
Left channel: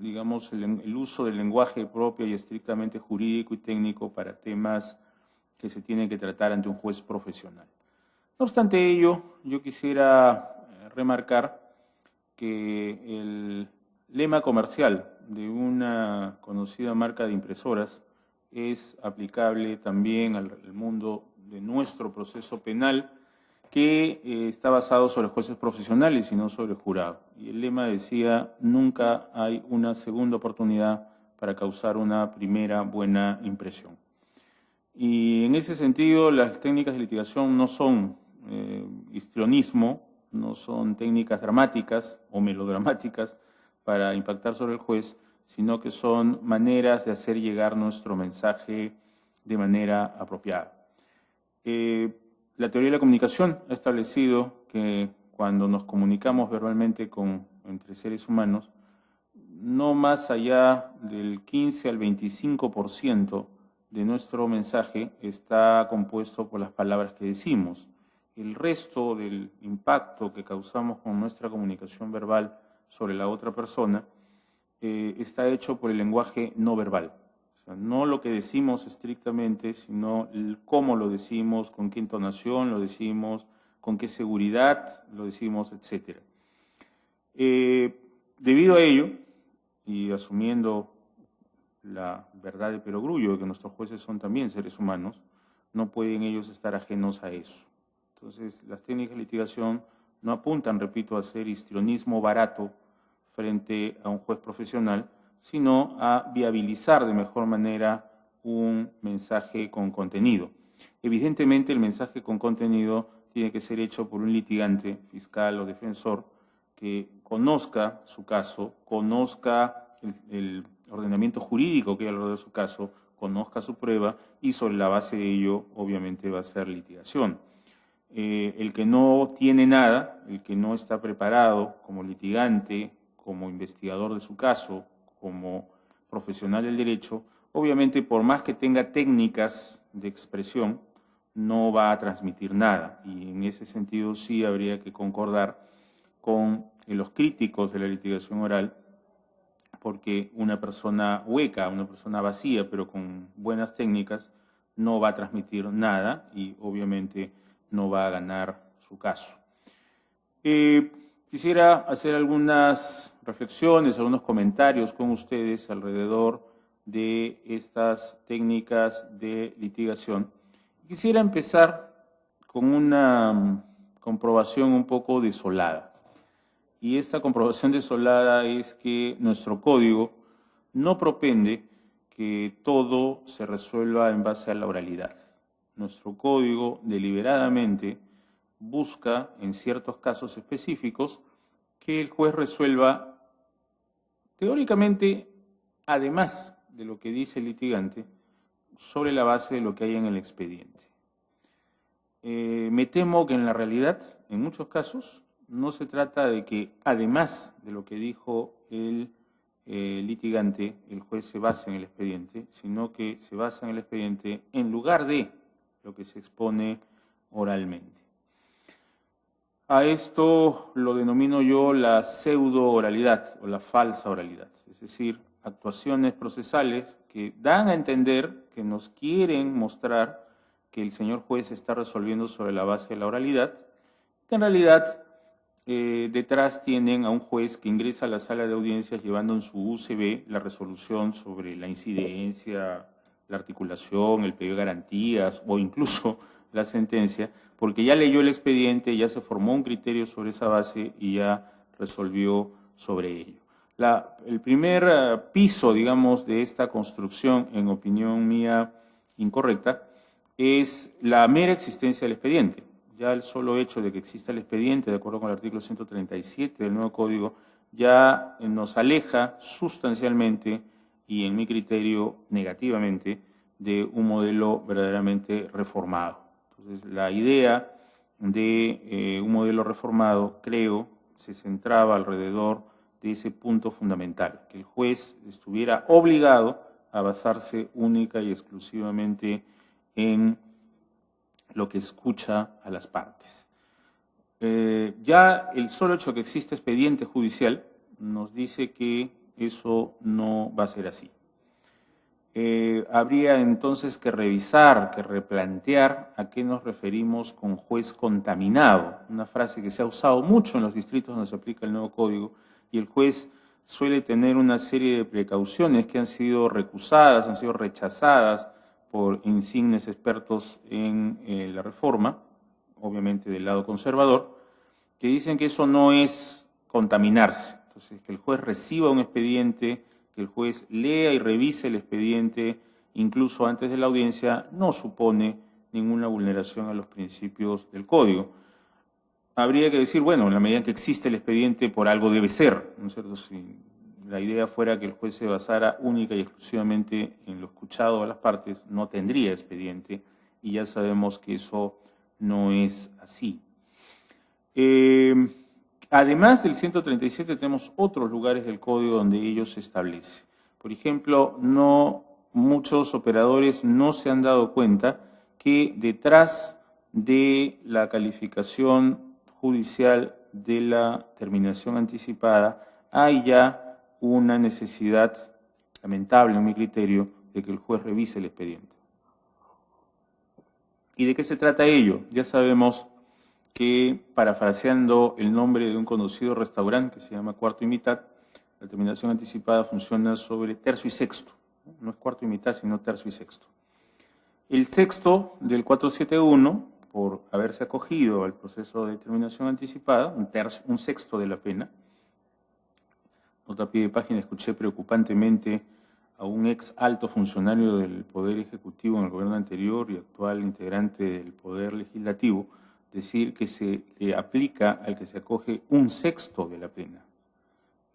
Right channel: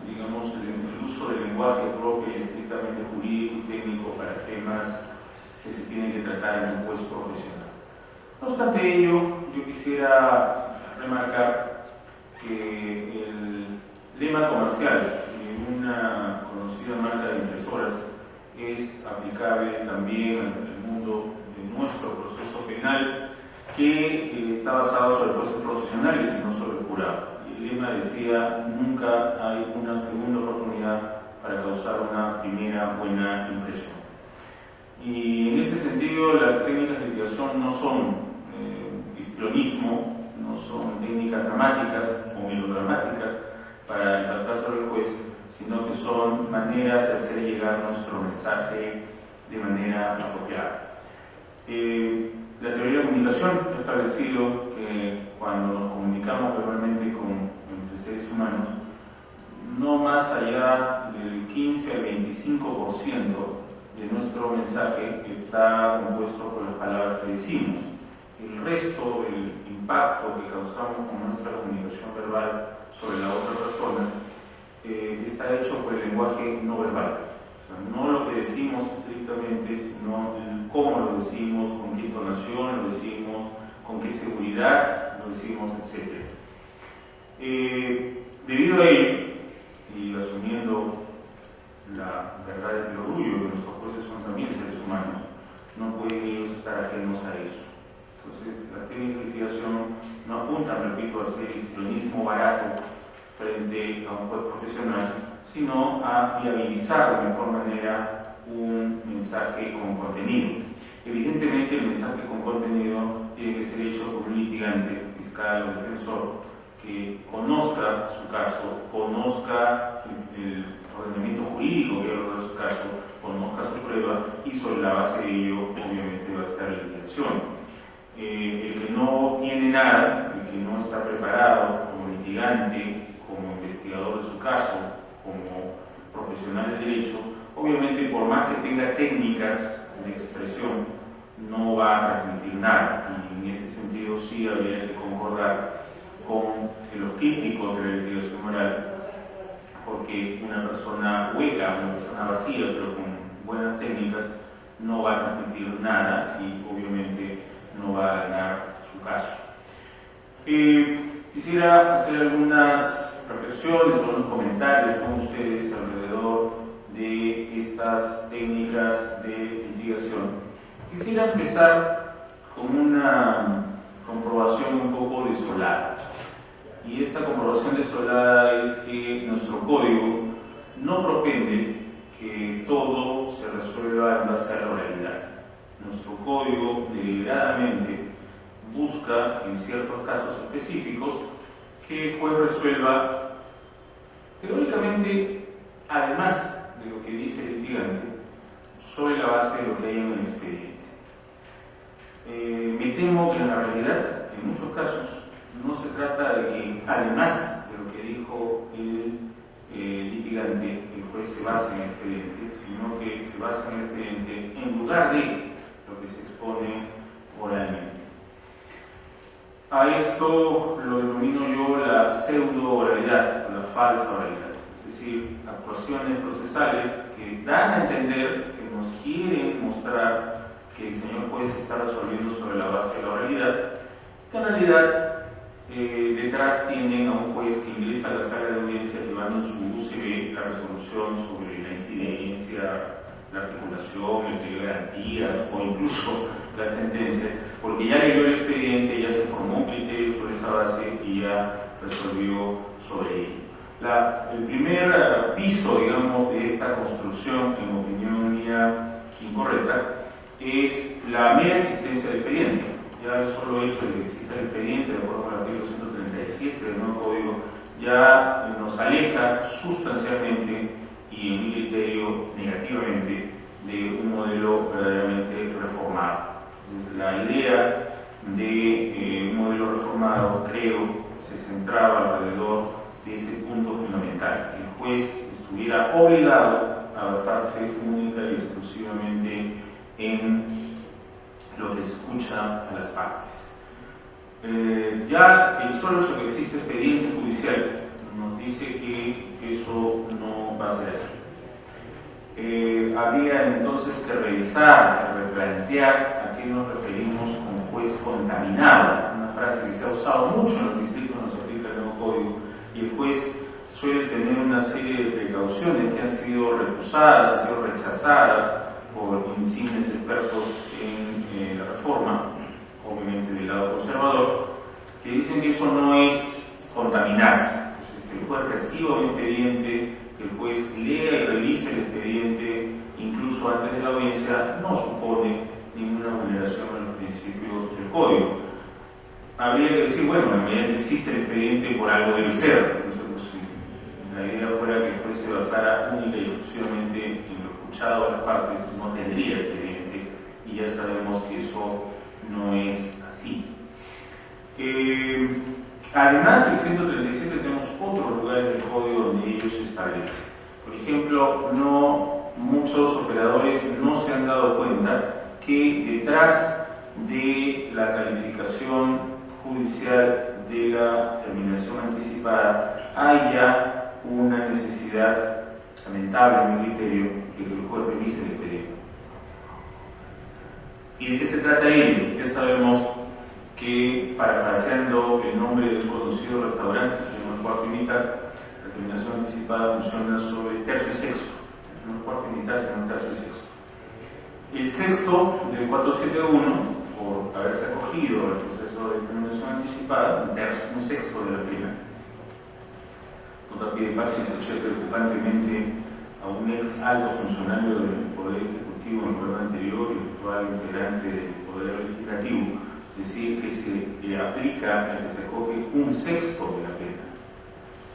digamos, el uso del lenguaje propio y estrictamente jurídico y técnico para temas que se tienen que tratar ante un juez profesional. No obstante ello, yo quisiera remarcar que el lema comercial de una conocida marca de impresoras es aplicable también al mundo de nuestro proceso penal, que está basado sobre jueces profesionales y no sobre el jurado. El lema decía: nunca hay una segunda oportunidad para causar una primera buena impresión. Y en ese sentido, las técnicas de litigación no son histrionismo, no son técnicas dramáticas o melodramáticas para impactar sobre el juez, sino que son maneras de hacer llegar nuestro mensaje de manera apropiada. La teoría de la comunicación ha establecido que cuando nos comunicamos verbalmente entre seres humanos, no más allá del 15 al 25% de nuestro mensaje está compuesto por las palabras que decimos. El resto del impacto que causamos con nuestra comunicación verbal sobre la otra persona está hecho por el lenguaje no verbal. O sea, no lo que decimos estrictamente, sino cómo lo decimos, con qué entonación lo decimos, con qué seguridad lo decimos, etc. Debido a ello, y asumiendo la verdad del orgullo de que nuestros jueces son también seres humanos, no pueden ellos estar ajenos a eso. Entonces, las técnicas de litigación no apuntan, repito, a hacer histrionismo barato frente a un juez profesional, sino a viabilizar de mejor manera un mensaje con contenido. Evidentemente, el mensaje con contenido tiene que ser hecho por un litigante, fiscal o defensor, que conozca su caso, conozca el ordenamiento jurídico que habla de su caso, conozca su prueba, y sobre la base de ello, obviamente, va a estar la litigación. El que no tiene nada, el que no está preparado como litigante, como investigador de su caso, como profesional del derecho, obviamente, por más que tenga técnicas de expresión, no va a transmitir nada. Y en ese sentido sí habría que concordar con los críticos de la litigación oral, porque una persona hueca, una persona vacía, pero con buenas técnicas, no va a transmitir nada y obviamente no va a ganar su caso. Quisiera hacer algunas reflexiones, algunos comentarios con ustedes alrededor de estas técnicas de litigación. Quisiera empezar con una comprobación un poco desolada. Y esta comprobación desolada es que nuestro código no propende que todo se resuelva en base a la oralidad. Nuestro código deliberadamente busca, en ciertos casos específicos, que el juez resuelva teóricamente, además de lo que dice el litigante, sobre la base de lo que hay en el expediente. Me temo que en la realidad, en muchos casos, no se trata de que, además de lo que dijo el litigante, el juez se base en el expediente, sino que se basa en el expediente en lugar de lo que se expone oralmente. A esto lo denomino yo la pseudo-oralidad o la falsa oralidad, es decir, actuaciones procesales que dan a entender, que nos quieren mostrar que el señor juez está resolviendo sobre la base de la oralidad, que en realidad detrás tienen a un juez que ingresa a la sala de audiencia llevando en su USB la resolución sobre la incidencia, la articulación, el pedido de garantías o incluso la sentencia, porque ya leyó el expediente, ya se formó un criterio sobre esa base y ya resolvió sobre ello. El primer piso, digamos, de esta construcción, en opinión mía incorrecta, es la mera existencia del expediente. Ya el solo hecho de que exista el expediente, de acuerdo con el artículo 137 del nuevo código, ya nos aleja sustancialmente y en mi criterio negativamente de un modelo verdaderamente reformado. La idea de un modelo reformado, creo, se centraba alrededor de ese punto fundamental, que el juez estuviera obligado a basarse única y exclusivamente en lo que escucha a las partes. Ya el solo hecho que existe expediente judicial nos dice que eso no va a ser así. Habría entonces que revisar, que replantear a qué nos referimos con juez contaminado, una frase que se ha usado mucho en los distritos donde se aplica el nuevo código, y el juez suele tener una serie de precauciones que han sido recusadas, han sido rechazadas por insignes expertos en la reforma, obviamente del lado conservador, que dicen que eso no es contaminarse, que el juez reciba un expediente, que el juez lea y revise el expediente incluso antes de la audiencia, no supone ninguna vulneración a los principios del código. Habría que decir, bueno, en la medida que existe el expediente, por algo debe ser. Entonces, si la idea fuera que el juez se basara única y exclusivamente en lo escuchado a las partes, no tendría expediente, y ya sabemos que eso no es así. Además del 137 tenemos otros lugares del código donde ello se establece. Por ejemplo, muchos operadores no se han dado cuenta que detrás de la calificación judicial de la terminación anticipada hay ya una necesidad lamentable en mi criterio de que el juez revise el expediente. ¿Y de qué se trata ello? Ya sabemos que, parafraseando el nombre de un conocido restaurante que se llama Cuarto y Mitad, la terminación anticipada funciona sobre tercio y sexto, no cuarto y mitad, sino tercio y sexto. El texto del 471, por haberse acogido al proceso de terminación anticipada, un sexto de la pena, nota pie de página, escuché preocupantemente a un ex alto funcionario del Poder Ejecutivo en el gobierno anterior y actual integrante del Poder Legislativo, decir que se aplica el que se acoge un sexto de la pena,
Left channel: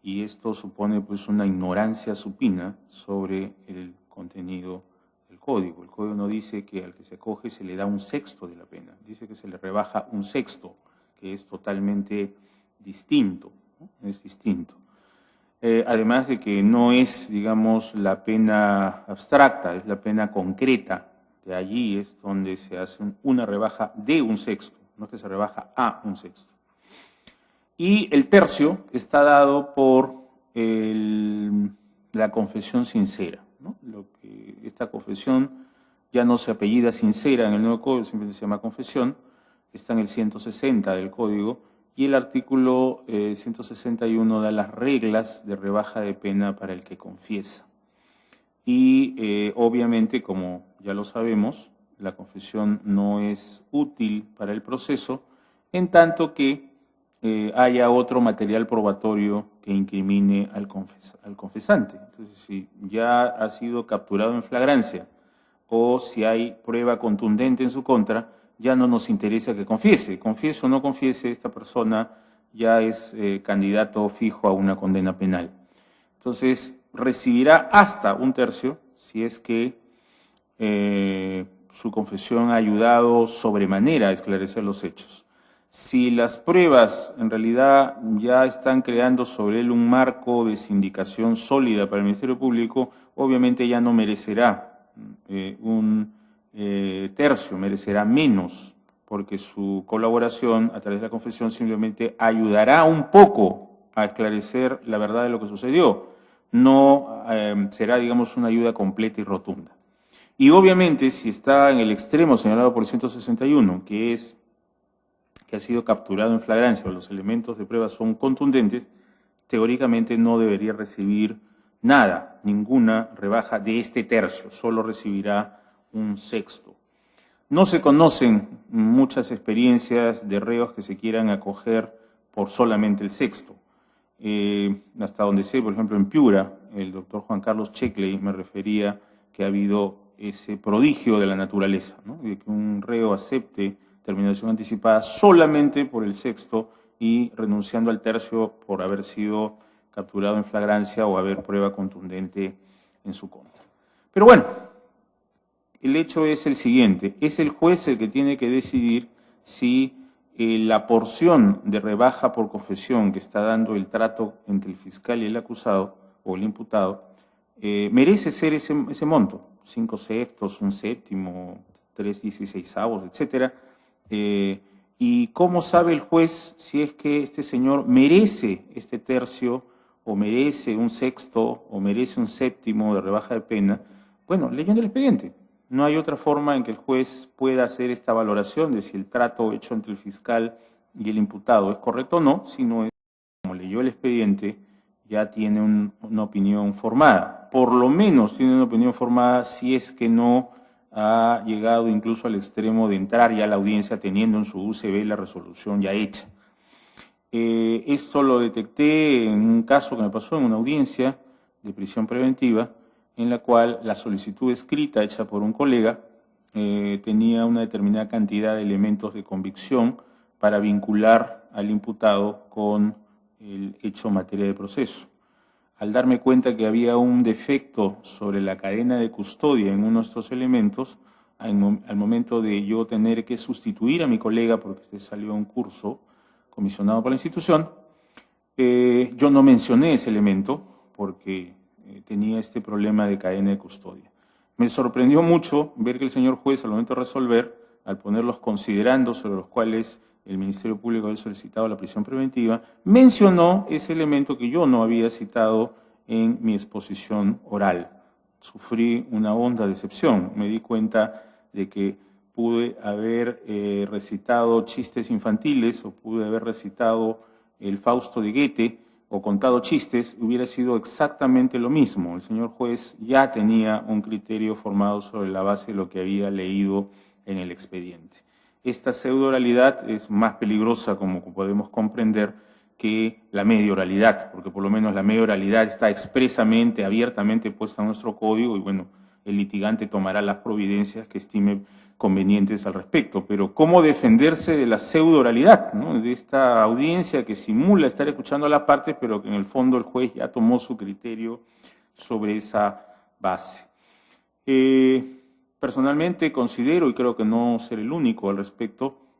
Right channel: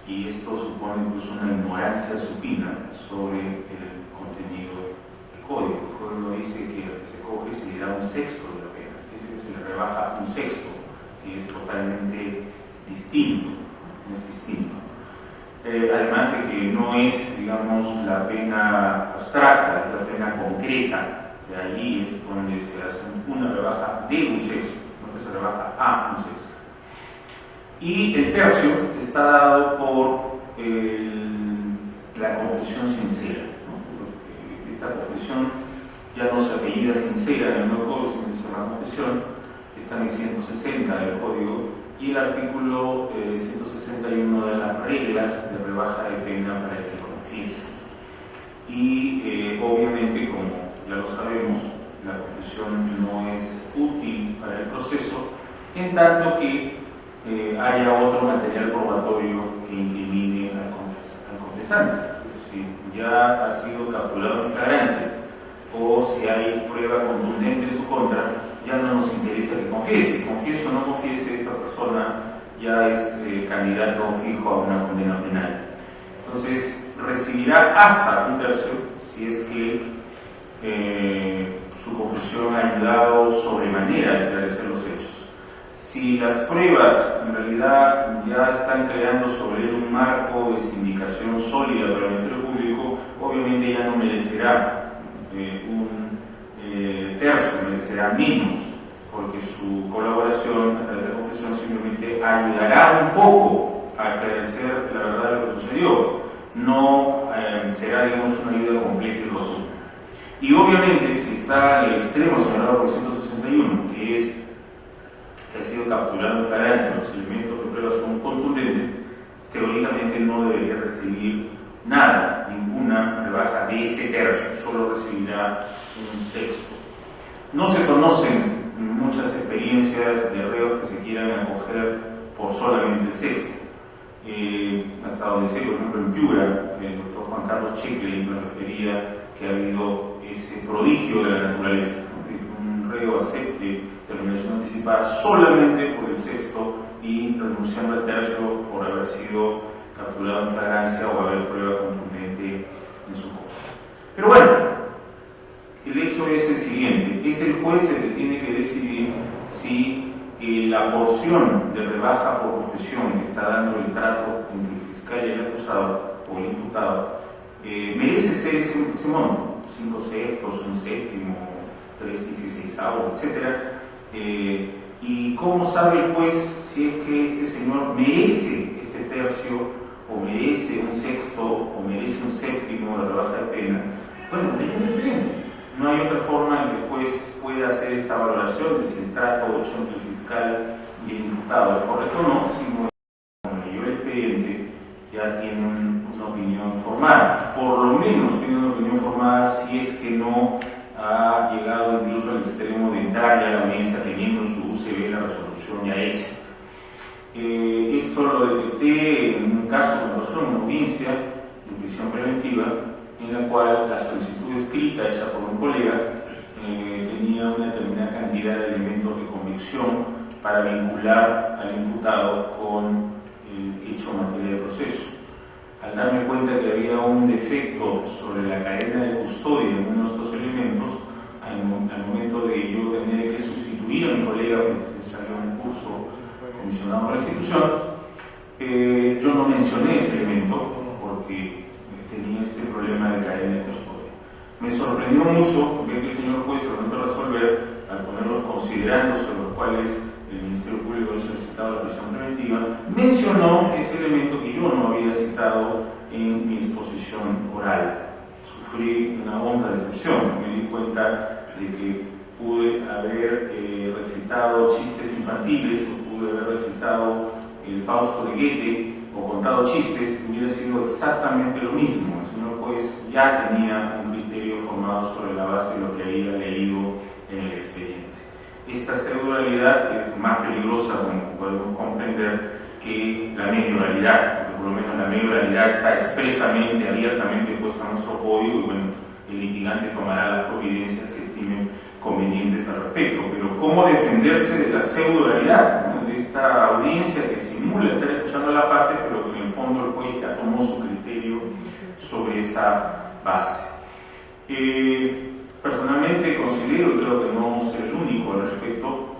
y esto supone incluso una ignorancia supina sobre el contenido del código. El código no dice que al que se acoge se le da un sexto de la pena, dice que se le rebaja un sexto, que es totalmente distinto, no es distinto. Además de que no es, digamos, la pena abstracta, es la pena concreta, de allí es donde se hace una rebaja de un sexto, no que se rebaja a un sexto. Y el tercio está dado por la confesión sincera, ¿no? Esta confesión ya no se apellida sincera en el nuevo código, sino que se llama confesión, está en el 160 del código, y el artículo 161 da las reglas de rebaja de pena para el que confiesa. Y obviamente, como ya lo sabemos, la confesión no es útil para el proceso, en tanto que haya otro material probatorio que incrimine al confesante. Si ya ha sido capturado en flagrancia o si hay prueba contundente en su contra, ya no nos interesa que confiese. Confiese o no confiese, esta persona ya es candidato fijo a una condena penal. Entonces, recibirá hasta un tercio si es que su confesión ha ayudado sobremanera a esclarecer los hechos. Si las pruebas en realidad ya están creando sobre él un marco de sindicación sólida para el Ministerio Público, obviamente ya no merecerá un tercio, merecerá menos, porque su colaboración a través de la confesión simplemente ayudará un poco a esclarecer la verdad de lo que sucedió. No será, digamos, una ayuda completa y rotunda. Y obviamente, si está en el extremo señalado por el 161, que ha sido capturado en flagrancia, los elementos de prueba son contundentes, teóricamente no debería recibir nada, ninguna rebaja de este tercio, solo recibirá un sexto. No se conocen muchas experiencias de reos que se quieran acoger por solamente el sexto. Hasta donde sé, por ejemplo, en Piura, el doctor Juan Carlos Checle me refería que ha habido ese prodigio de la naturaleza, ¿no? De que un reo acepte terminación anticipada solamente por el sexto y renunciando al tercio por haber sido capturado en flagrancia o haber prueba contundente en su contra. Pero bueno, el hecho es el siguiente: es el juez el que tiene que decidir si la porción de rebaja por confesión que está dando el trato entre el fiscal y el acusado o el imputado merece ser ese monto, 5 sextos, un séptimo, 3/16, etc. Y cómo sabe el juez si es que este señor merece este tercio o merece un sexto o merece un séptimo de rebaja de pena. Bueno, lean el expediente. No hay otra forma en que el juez pueda hacer esta valoración de si el trato hecho entre el fiscal y el imputado es correcto o no, sino como leyó el expediente ya tiene una opinión formada. Por lo menos tiene una opinión formada si es que no ha llegado incluso al extremo de entrar ya a la audiencia teniendo en su UCB la resolución ya hecha. Esto lo detecté en un caso que me pasó en una audiencia de prisión preventiva, en la cual la solicitud escrita hecha por un colega tenía una determinada cantidad de elementos de convicción para vincular al imputado con el hecho en materia de proceso. Al darme cuenta que había un defecto sobre la cadena de custodia en uno de estos elementos, al momento de yo tener que sustituir a mi colega porque se salió un curso comisionado por la institución, yo no mencioné ese elemento porque tenía este problema de cadena de custodia. Me sorprendió mucho ver que el señor juez, al momento de resolver, al poner los considerandos sobre los cuales el Ministerio Público había solicitado la prisión preventiva, mencionó ese elemento que yo no había citado en mi exposición oral. Sufrí una honda decepción. Me di cuenta de que pude haber recitado chistes infantiles, o pude haber recitado el Fausto de Goethe, o contado chistes, hubiera sido exactamente lo mismo. El señor juez ya tenía un criterio formado sobre la base de lo que había leído en el expediente. Esta pseudo-oralidad es más peligrosa, como podemos comprender, que la medio-oralidad, porque por lo menos la medio-oralidad está expresamente, abiertamente puesta en nuestro código y bueno, el litigante tomará las providencias que estime convenientes al respecto. Pero ¿cómo defenderse de la pseudo-oralidad, ¿no? De esta audiencia que simula estar escuchando a la parte, pero que en el fondo el juez ya tomó su criterio sobre esa base? Personalmente considero, y creo que no seré el único al respecto,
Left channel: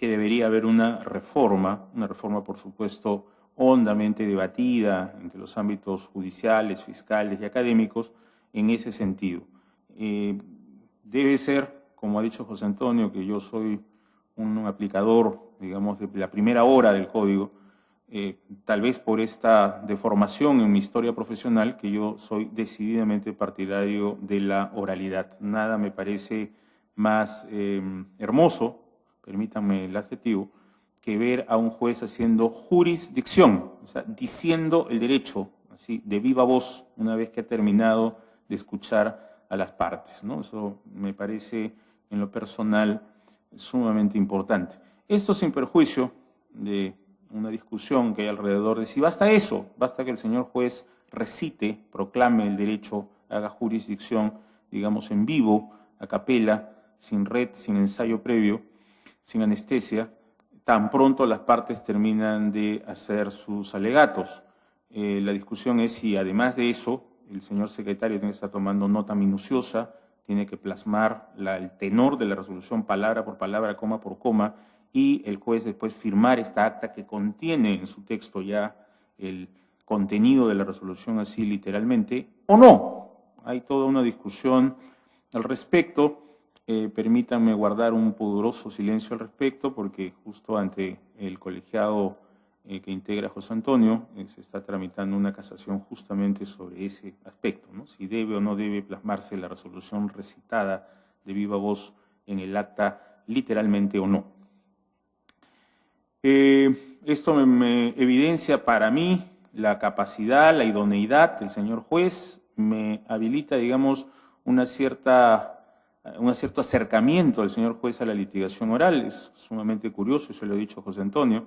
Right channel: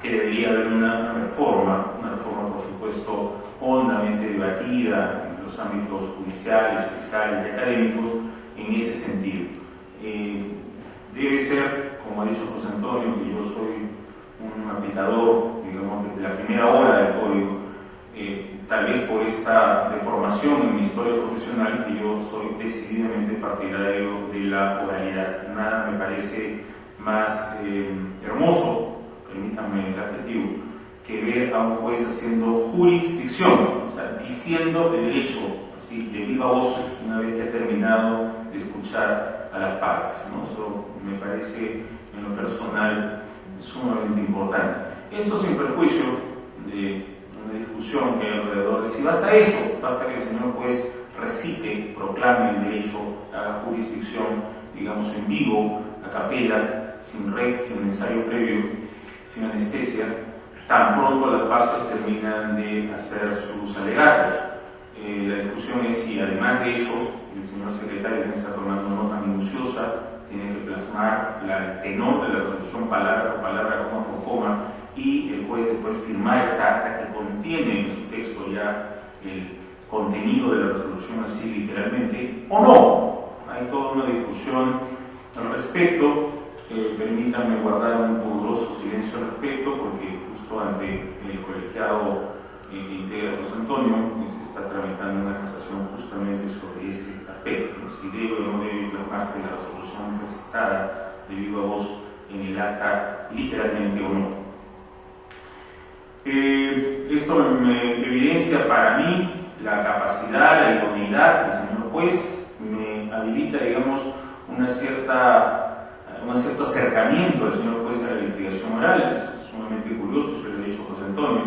que debería haber una reforma por supuesto hondamente debatida entre los ámbitos judiciales, fiscales y académicos en ese sentido. Debe ser, como ha dicho José Antonio, que yo soy un aplicador, digamos, de la primera hora del código, tal vez por esta deformación en mi historia profesional, que yo soy decididamente partidario de la oralidad. Nada me parece más hermoso, permítanme el adjetivo, que ver a un juez haciendo jurisdicción, o sea, diciendo el derecho, así, de viva voz, una vez que ha terminado de escuchar a las partes, ¿no? Eso me parece, en lo personal, sumamente importante. Esto sin perjuicio de una discusión que hay alrededor de si basta eso, basta que el señor juez recite, proclame el derecho a la jurisdicción, digamos en vivo, a capela, sin red, sin ensayo previo, sin anestesia, tan pronto las partes terminan de hacer sus alegatos. La discusión es si además de eso el señor secretario tiene que estar tomando nota minuciosa, tiene que plasmar el tenor de la resolución palabra por palabra, coma por coma, y el juez después firmar esta acta que contiene en su texto ya el contenido de la resolución así literalmente, o no. Hay toda una discusión al respecto. Permítanme guardar un pudoroso silencio al respecto, porque justo ante el colegiado que integra José Antonio se está tramitando una casación justamente sobre ese aspecto, ¿no? Si debe o no debe plasmarse la resolución recitada de viva voz en el acta literalmente o no. Esto me evidencia para mí la capacidad, la idoneidad del señor juez, me habilita, digamos, un cierto acercamiento del señor juez a la litigación oral. Es sumamente curioso, se lo he dicho a José Antonio,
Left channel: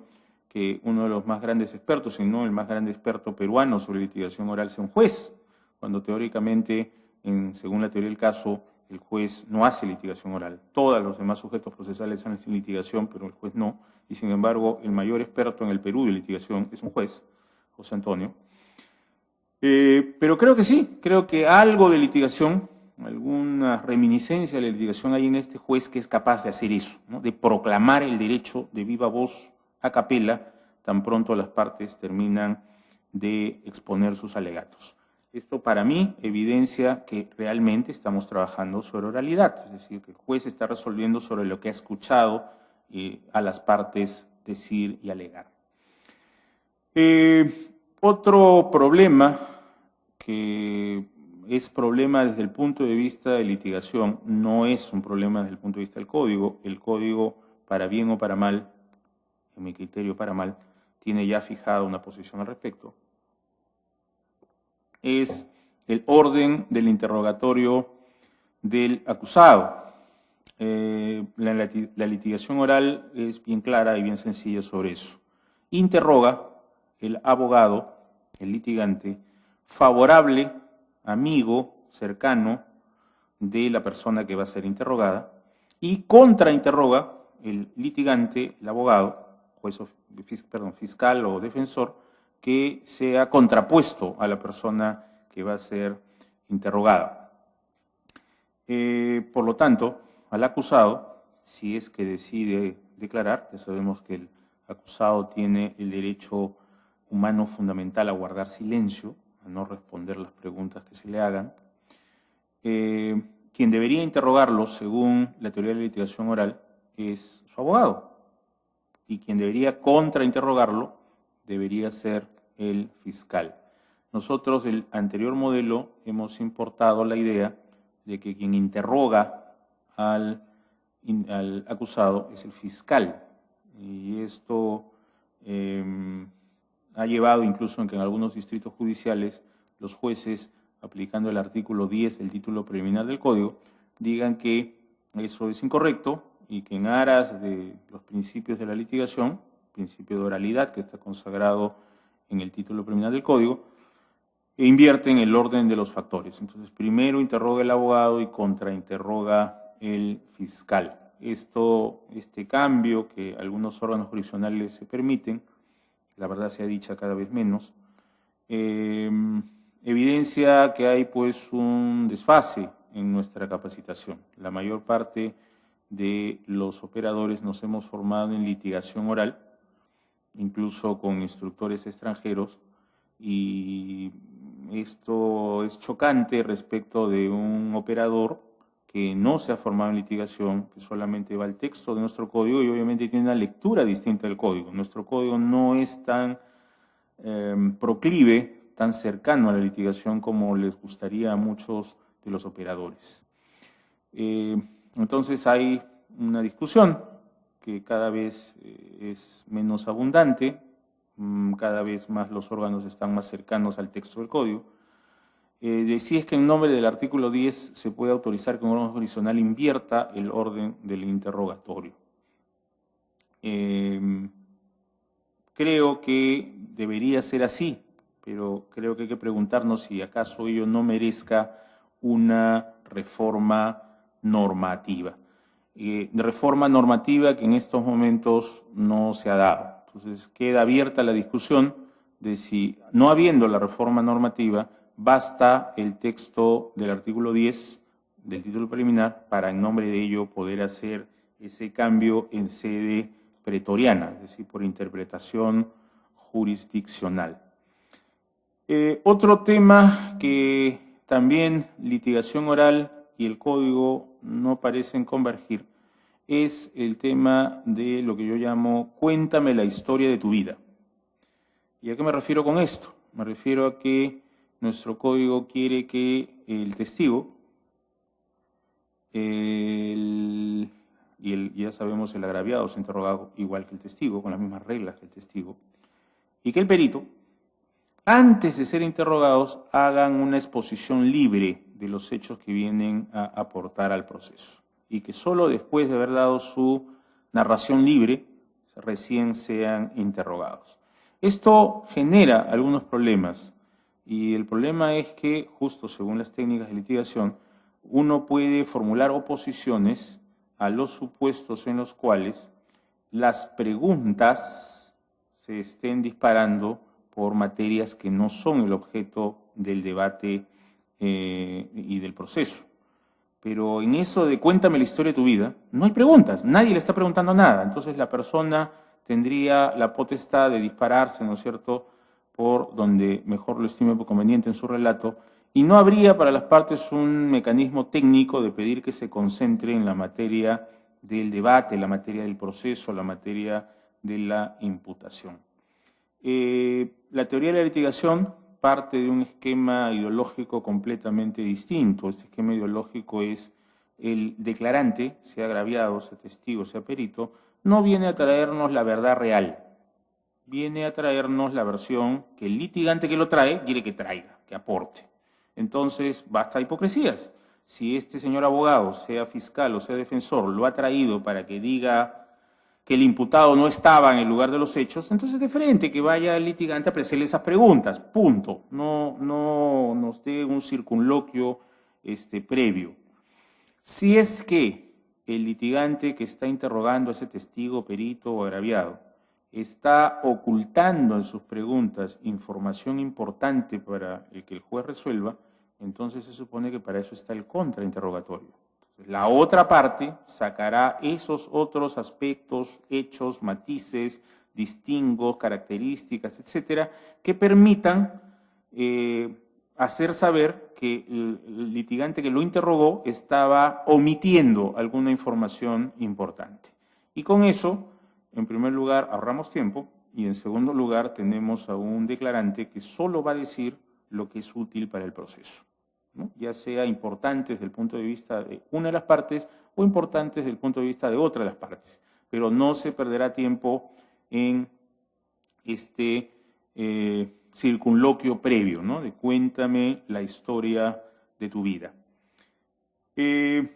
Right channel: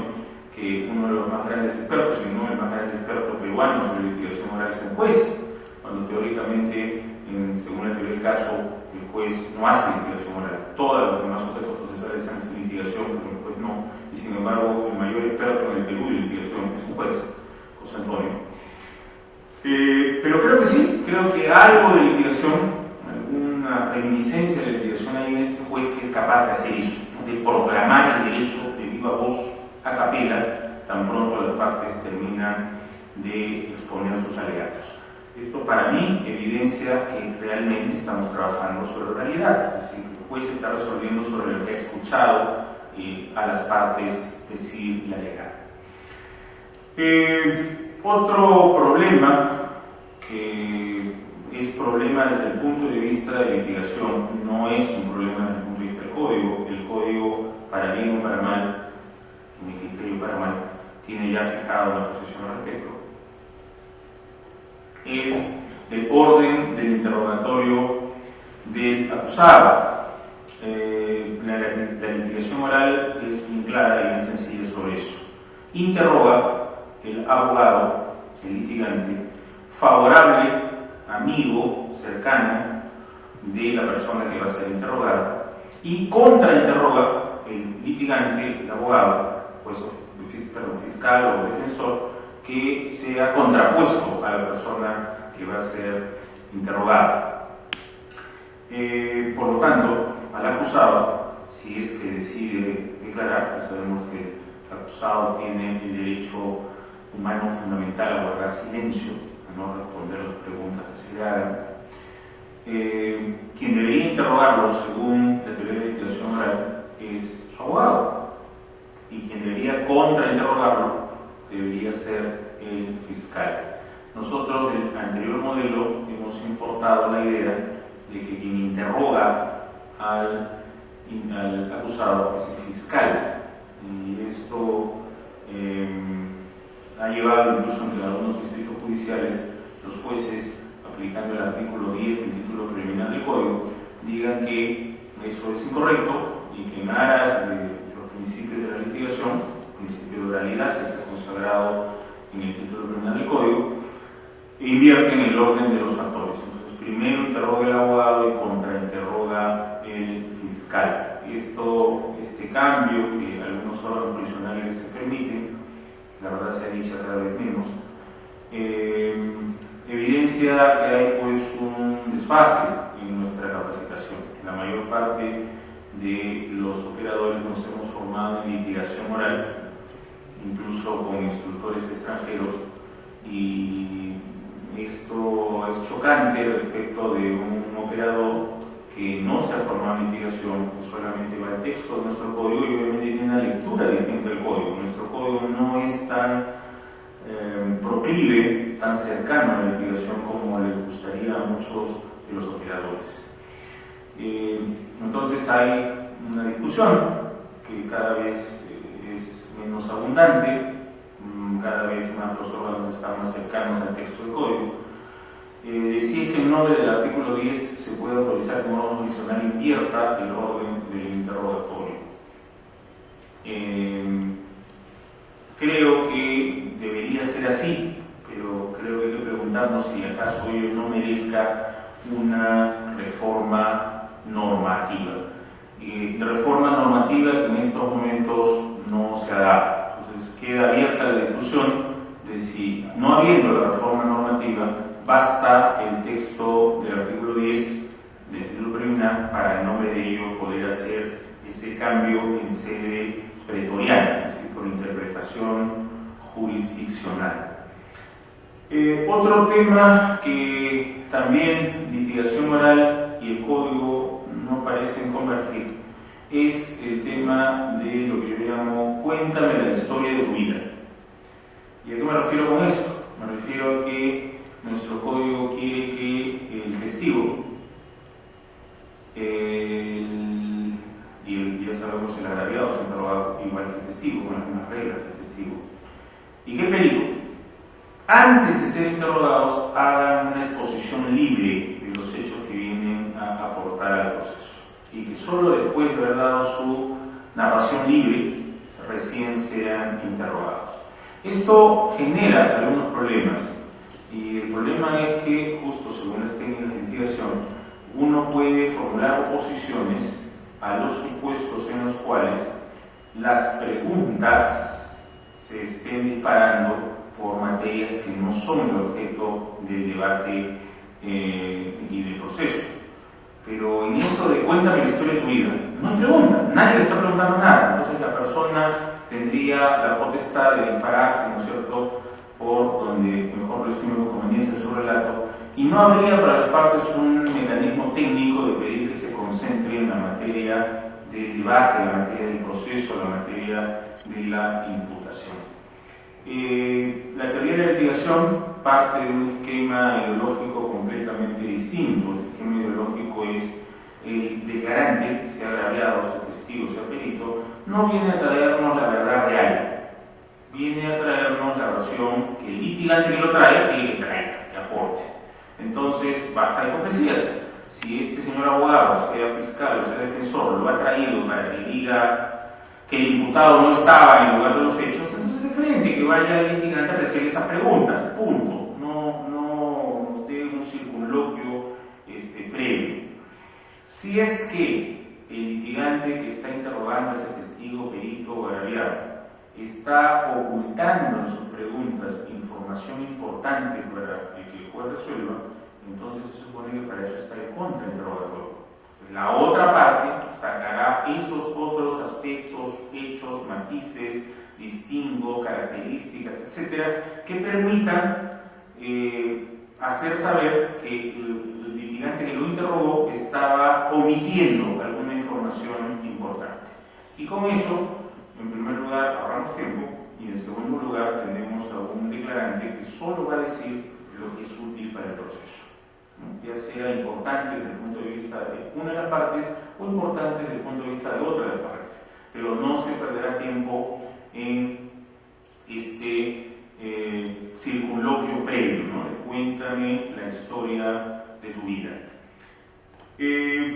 que uno de los más grandes expertos, si no el más grande experto peruano sobre litigación oral es el juez, cuando teóricamente, según la teoría del caso, el juez no hace litigación oral. Todos los demás sujetos procesales hacen litigación, pero el juez no. Y sin embargo, el mayor experto en el Perú de litigación es un juez, José Antonio. Pero creo que sí, creo que algo de litigación, alguna reminiscencia de litigación hay en este juez que es capaz de hacer eso, ¿no? De proclamar el derecho de viva voz a capela, tan pronto las partes terminan de exponer sus alegatos. Esto para mí evidencia que realmente estamos trabajando sobre oralidad, es decir, el juez está resolviendo sobre lo que ha escuchado a las partes decir y alegar. Otro problema que es problema desde el punto de vista de litigación, no es un problema desde el punto de vista del código. El código, para bien o para mal, en mi criterio para mal, tiene ya fijada una posición al respecto. Es el orden del interrogatorio del acusado. La litigación oral es bien clara y bien sencilla sobre eso. Interroga el abogado, el litigante, favorable, amigo, cercano de la persona que va a ser interrogada, y contrainterroga el litigante, el abogado, pues, fiscal o defensor, que sea contrapuesto a la persona que va a ser interrogada. Por lo tanto, al acusado, si es que decide declarar, pues sabemos que el acusado tiene el derecho humano fundamental a guardar silencio, a no responder las preguntas que se le hagan. Quien debería interrogarlo, según la teoría de litigación oral, es su abogado, y quien debería contrainterrogarlo debería ser el fiscal. Nosotros, el anterior modelo, hemos importado la idea de que quien interroga al acusado es el fiscal, y esto ha llevado incluso en algunos distritos judiciales los jueces, aplicando el artículo 10 del título preliminar del Código, digan que eso es incorrecto y que en aras de los principios de la litigación, el principio de oralidad que está consagrado en el título preliminar del Código, invierten el orden de los factores. Entonces, primero interroga el abogado y contrainterroga el fiscal. Este cambio que algunos órganos jurisdiccionales se permiten, la verdad se ha dicho cada vez menos, evidencia que hay pues un desfase en nuestra capacitación. La mayor parte de los operadores nos hemos formado en litigación oral, incluso con instructores extranjeros, y esto es chocante respecto de un operador que no se ha formado en litigación, que solamente va al texto de nuestro código y obviamente tiene una lectura distinta del código. Nuestro código no es tan proclive, tan cercano a la litigación como les gustaría a muchos de los operadores. Entonces hay una discusión que cada vez es menos abundante, cada vez más los órganos están más cercanos al texto del código. Decir que en nombre del artículo 10 se puede autorizar que un órgano jurisdiccional invierta el orden del interrogatorio. Creo que debería ser así, pero creo que hay que preguntarnos si acaso ello no merezca una reforma normativa. De reforma normativa que en estos momentos no se ha dado. Entonces queda abierta la discusión de si, no habiendo la reforma normativa, basta el texto del artículo 10 del título preliminar para en nombre de ello poder hacer ese cambio en sede pretoriana, es decir, por interpretación jurisdiccional. Otro tema que también litigación oral y el código no parecen convergir es el tema de lo que yo llamo cuéntame la historia de tu vida. ¿Y a qué me refiero con esto? Me refiero a que nuestro código quiere que el testigo, ya sabemos el agraviado se interroga igual que el testigo, con las mismas reglas que el testigo, y que el perito, antes de ser interrogados, hagan una exposición libre de los hechos que vienen a aportar al proceso, y que solo después de haber dado su narración libre, recién sean interrogados. Esto genera algunos problemas, y el problema es que, justo según las técnicas de litigación, uno puede formular oposiciones a los supuestos en los cuales las preguntas se estén disparando por materias que no son el objeto del debate y del proceso. Pero en eso de cuéntame la historia de tu vida, no hay preguntas, nadie le está preguntando nada. Entonces la persona tendría la potestad de dispararse, ¿no es cierto?, por donde mejor lo estime conveniente en su relato, y no habría para las partes un mecanismo técnico de pedir que se concentre en la materia del debate, la materia del proceso, la materia de la imputación. La teoría de la litigación parte de un esquema ideológico completamente distinto. Este esquema ideológico es el declarante, sea agraviado, sea testigo, sea perito, no viene a traernos la verdad real, viene a traernos la versión que el litigante que lo trae tiene que traer, que aporte. Entonces, basta de hipocresías. Si este señor abogado, sea fiscal o sea defensor, lo ha traído para que diga que el imputado no estaba en el lugar de los hechos, entonces de frente que vaya el litigante a apreciar esas preguntas, punto. No nos dé un circunloquio previo. Si es que el litigante que está interrogando a ese testigo, perito o agraviado está ocultando en sus preguntas información importante para que el juez resuelva, entonces se supone que para eso está el contrainterrogatorio. La otra parte sacará esos otros aspectos, hechos, matices, distingos, características, etcétera, que permitan hacer saber que el litigante que lo interrogó estaba omitiendo alguna información importante. Y con eso, en primer lugar, ahorramos tiempo, y en segundo lugar tenemos a un declarante que solo va a decir lo que es útil para el proceso, ¿no?, ya sea importante desde el punto de vista de una de las partes o importante desde el punto de vista de otra de las partes, pero no se perderá tiempo en circunloquio previo, ¿no?, de cuéntame la historia de tu vida.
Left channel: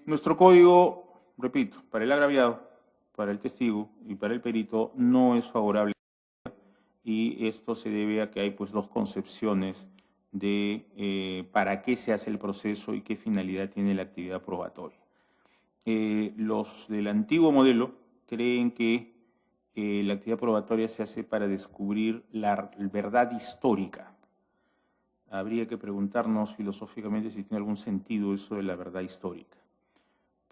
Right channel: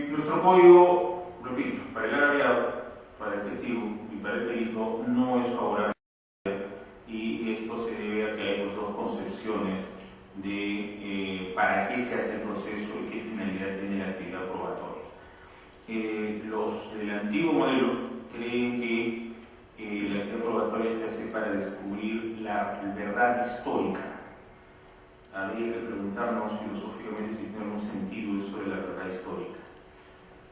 Nuestro código, repito, para el agraviado, para el testigo y para el perito no es favorable, y esto se debe a que hay dos concepciones de para qué se hace el proceso y qué finalidad tiene la actividad probatoria. Los del antiguo modelo creen que la actividad probatoria se hace para descubrir la verdad histórica. Habría que preguntarnos filosóficamente si tiene algún sentido eso de la verdad histórica.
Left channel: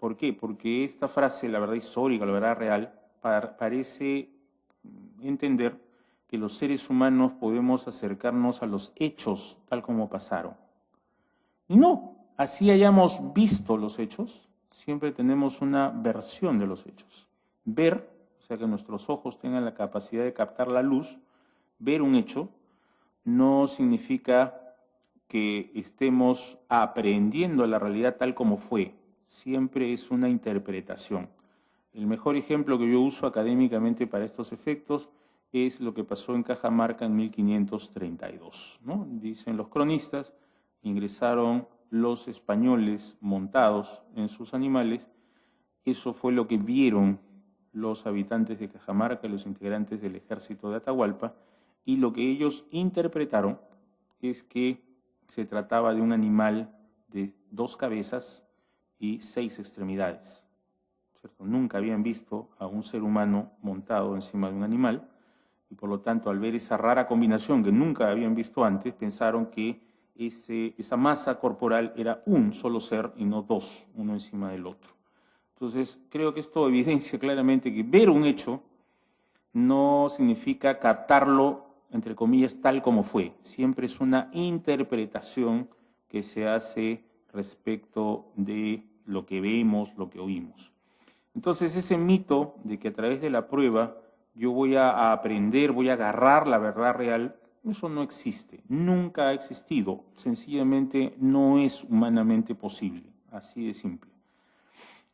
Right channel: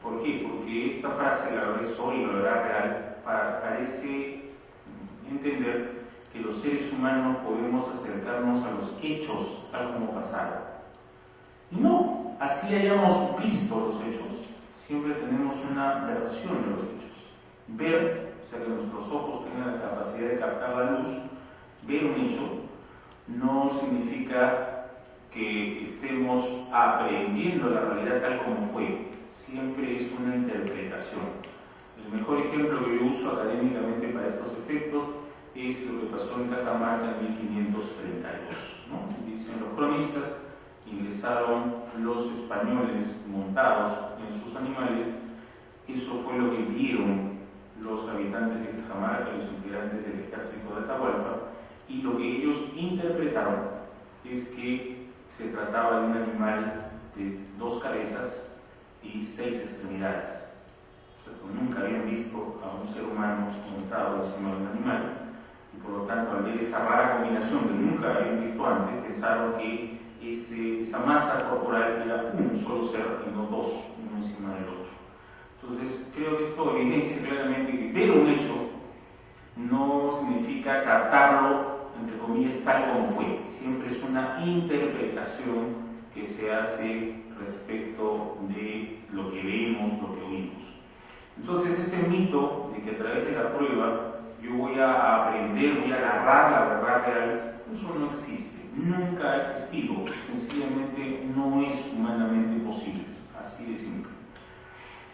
¿Por qué? Porque esta frase, la verdad histórica, la verdad real, parece entender que los seres humanos podemos acercarnos a los hechos tal como pasaron. Y no, así hayamos visto los hechos, siempre tenemos una versión de los hechos. Ver, o sea, que nuestros ojos tengan la capacidad de captar la luz, ver un hecho, no significa que estemos aprendiendo la realidad tal como fue. Siempre es una interpretación. El mejor ejemplo que yo uso académicamente para estos efectos es lo que pasó en Cajamarca en 1532, ¿no? Dicen los cronistas, ingresaron los españoles montados en sus animales, eso fue lo que vieron los habitantes de Cajamarca y los integrantes del ejército de Atahualpa, y lo que ellos interpretaron es que se trataba de un animal de 2 cabezas y 6 extremidades. O sea, nunca habían visto a un ser humano montado encima de un animal, y por lo tanto, al ver esa rara combinación que nunca habían visto antes, pensaron que esa masa corporal era un solo ser y no 2, uno encima del otro. Entonces, creo que esto evidencia claramente que ver un hecho no significa captarlo, entre comillas, tal como fue. Siempre es una interpretación que se hace respecto de lo que vemos, lo que oímos. Entonces, ese mito de que a través de la prueba yo voy a aprender, voy a agarrar la verdad real, eso no existe, nunca ha existido, sencillamente no es humanamente posible, así de simple.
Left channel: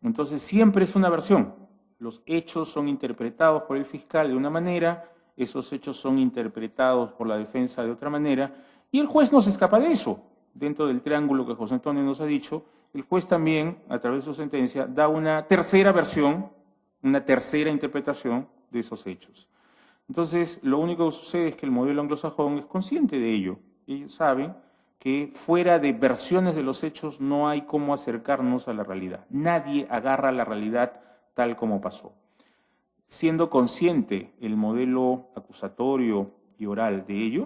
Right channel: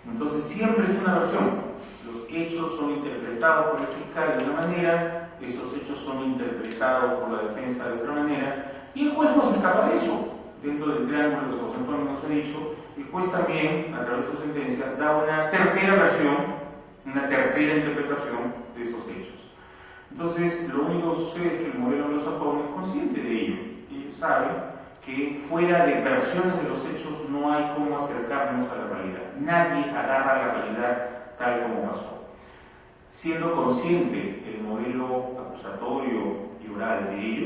Entonces siempre es una versión, los hechos son interpretados por el fiscal de una manera, esos hechos son interpretados por la defensa de otra manera, y el juez no se escapa de eso. Dentro del triángulo que José Antonio nos ha dicho, el juez también, a través de su sentencia, da una tercera versión, una tercera interpretación de esos hechos. Entonces, lo único que sucede es que el modelo anglosajón es consciente de ello. Ellos saben que fuera de versiones de los hechos no hay cómo acercarnos a la realidad. Nadie agarra la realidad tal como pasó. Siendo consciente el modelo acusatorio y oral de ello,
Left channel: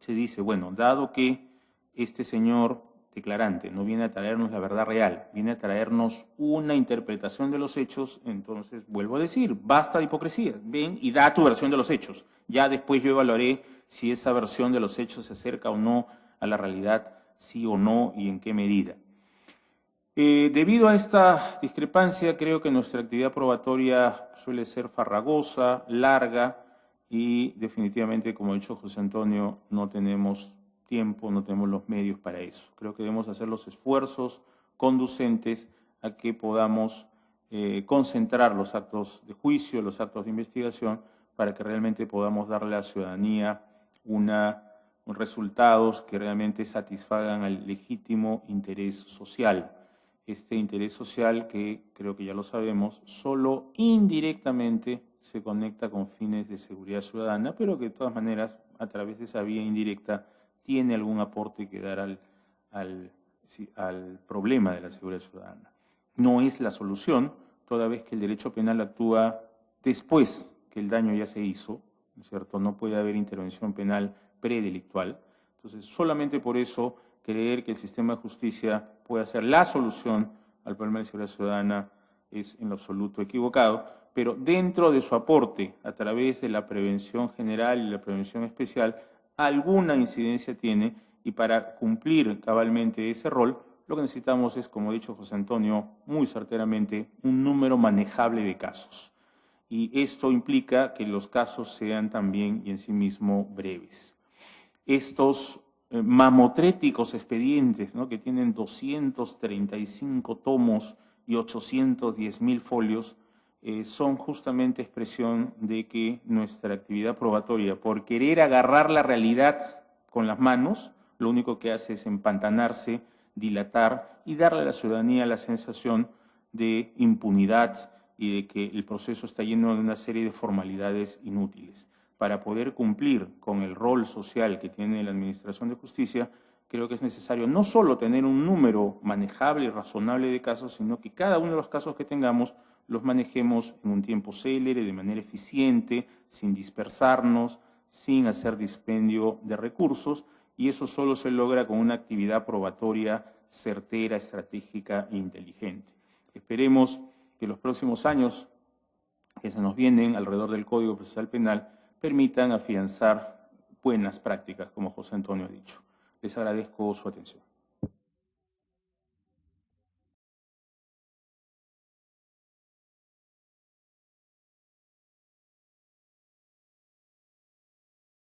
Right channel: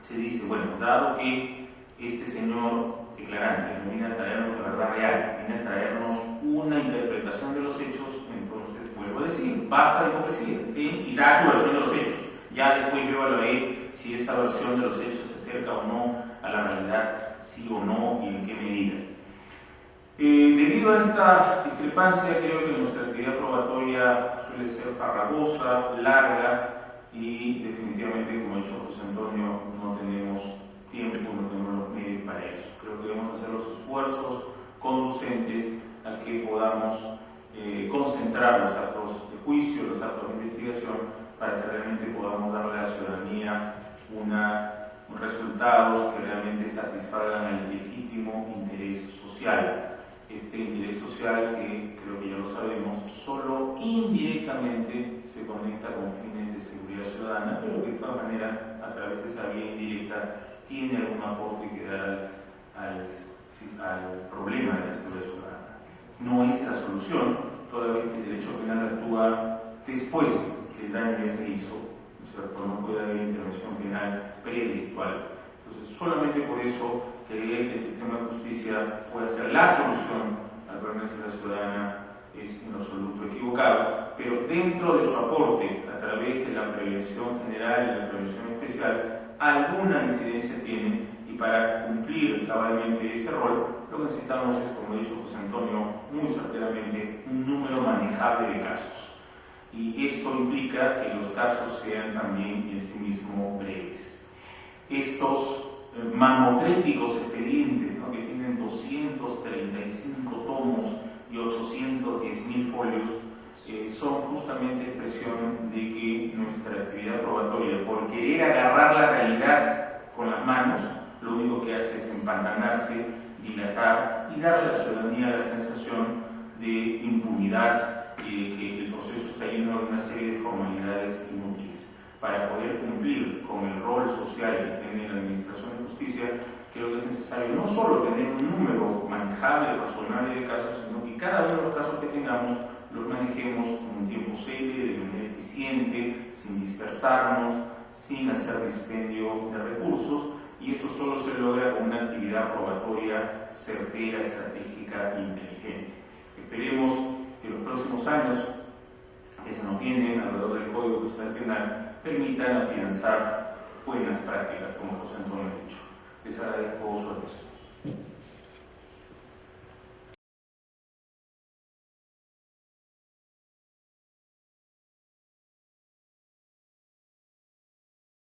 se dice, bueno, dado que este señor declarante no viene a traernos la verdad real, viene a traernos una interpretación de los hechos, entonces vuelvo a decir, basta de hipocresía, ven y da tu versión de los hechos. Ya después yo evaluaré si esa versión de los hechos se acerca o no a la realidad, sí o no y en qué medida. Debido a esta discrepancia, creo que nuestra actividad probatoria suele ser farragosa, larga, y definitivamente, como ha dicho José Antonio, no tenemos tiempo, no tenemos los medios para eso. Creo que debemos hacer los esfuerzos conducentes a que podamos concentrar los actos de juicio, los actos de investigación, para que realmente podamos darle a la ciudadanía resultados que realmente satisfagan el legítimo interés social. Este interés social, que creo que ya lo sabemos, solo indirectamente se conecta con fines de seguridad ciudadana, pero que de todas maneras, a través de esa vía indirecta, tiene algún aporte que dar al problema de la seguridad ciudadana. No es la solución, toda vez que el derecho penal actúa después que el daño ya se hizo, ¿cierto? No puede haber intervención penal predelictual. Entonces, solamente por eso, creer que el sistema de justicia puede ser la solución al problema de seguridad ciudadana es en absoluto equivocado, pero dentro de su aporte a través de la prevención general y la prevención especial, alguna incidencia tiene, y para cumplir cabalmente ese rol, lo que necesitamos es, como ha dicho José Antonio muy certeramente, un número manejable de casos. Y esto implica que los casos sean también en sí mismo breves. Estos mamotréticos expedientes, ¿no?, que tienen 235 tomos y 810.000 folios, son justamente expresión de que nuestra actividad probatoria, por querer agarrar la realidad con las manos, lo único que hace es empantanarse, dilatar y darle a la ciudadanía la sensación de impunidad y de que el proceso está lleno de una serie de formalidades inútiles. Para poder cumplir con el rol social que tiene la Administración de Justicia, creo que es necesario no solo tener un número manejable, razonable de casos, sino que cada uno de los casos que tengamos los manejemos en un tiempo célere, de manera eficiente, sin dispersarnos, sin hacer dispendio de recursos, y eso solo se logra con una actividad probatoria certera, estratégica e inteligente. Esperemos que los próximos años que se nos vienen alrededor del Código Procesal Penal permitan afianzar buenas prácticas, como José Antonio ha dicho. Les agradezco su atención.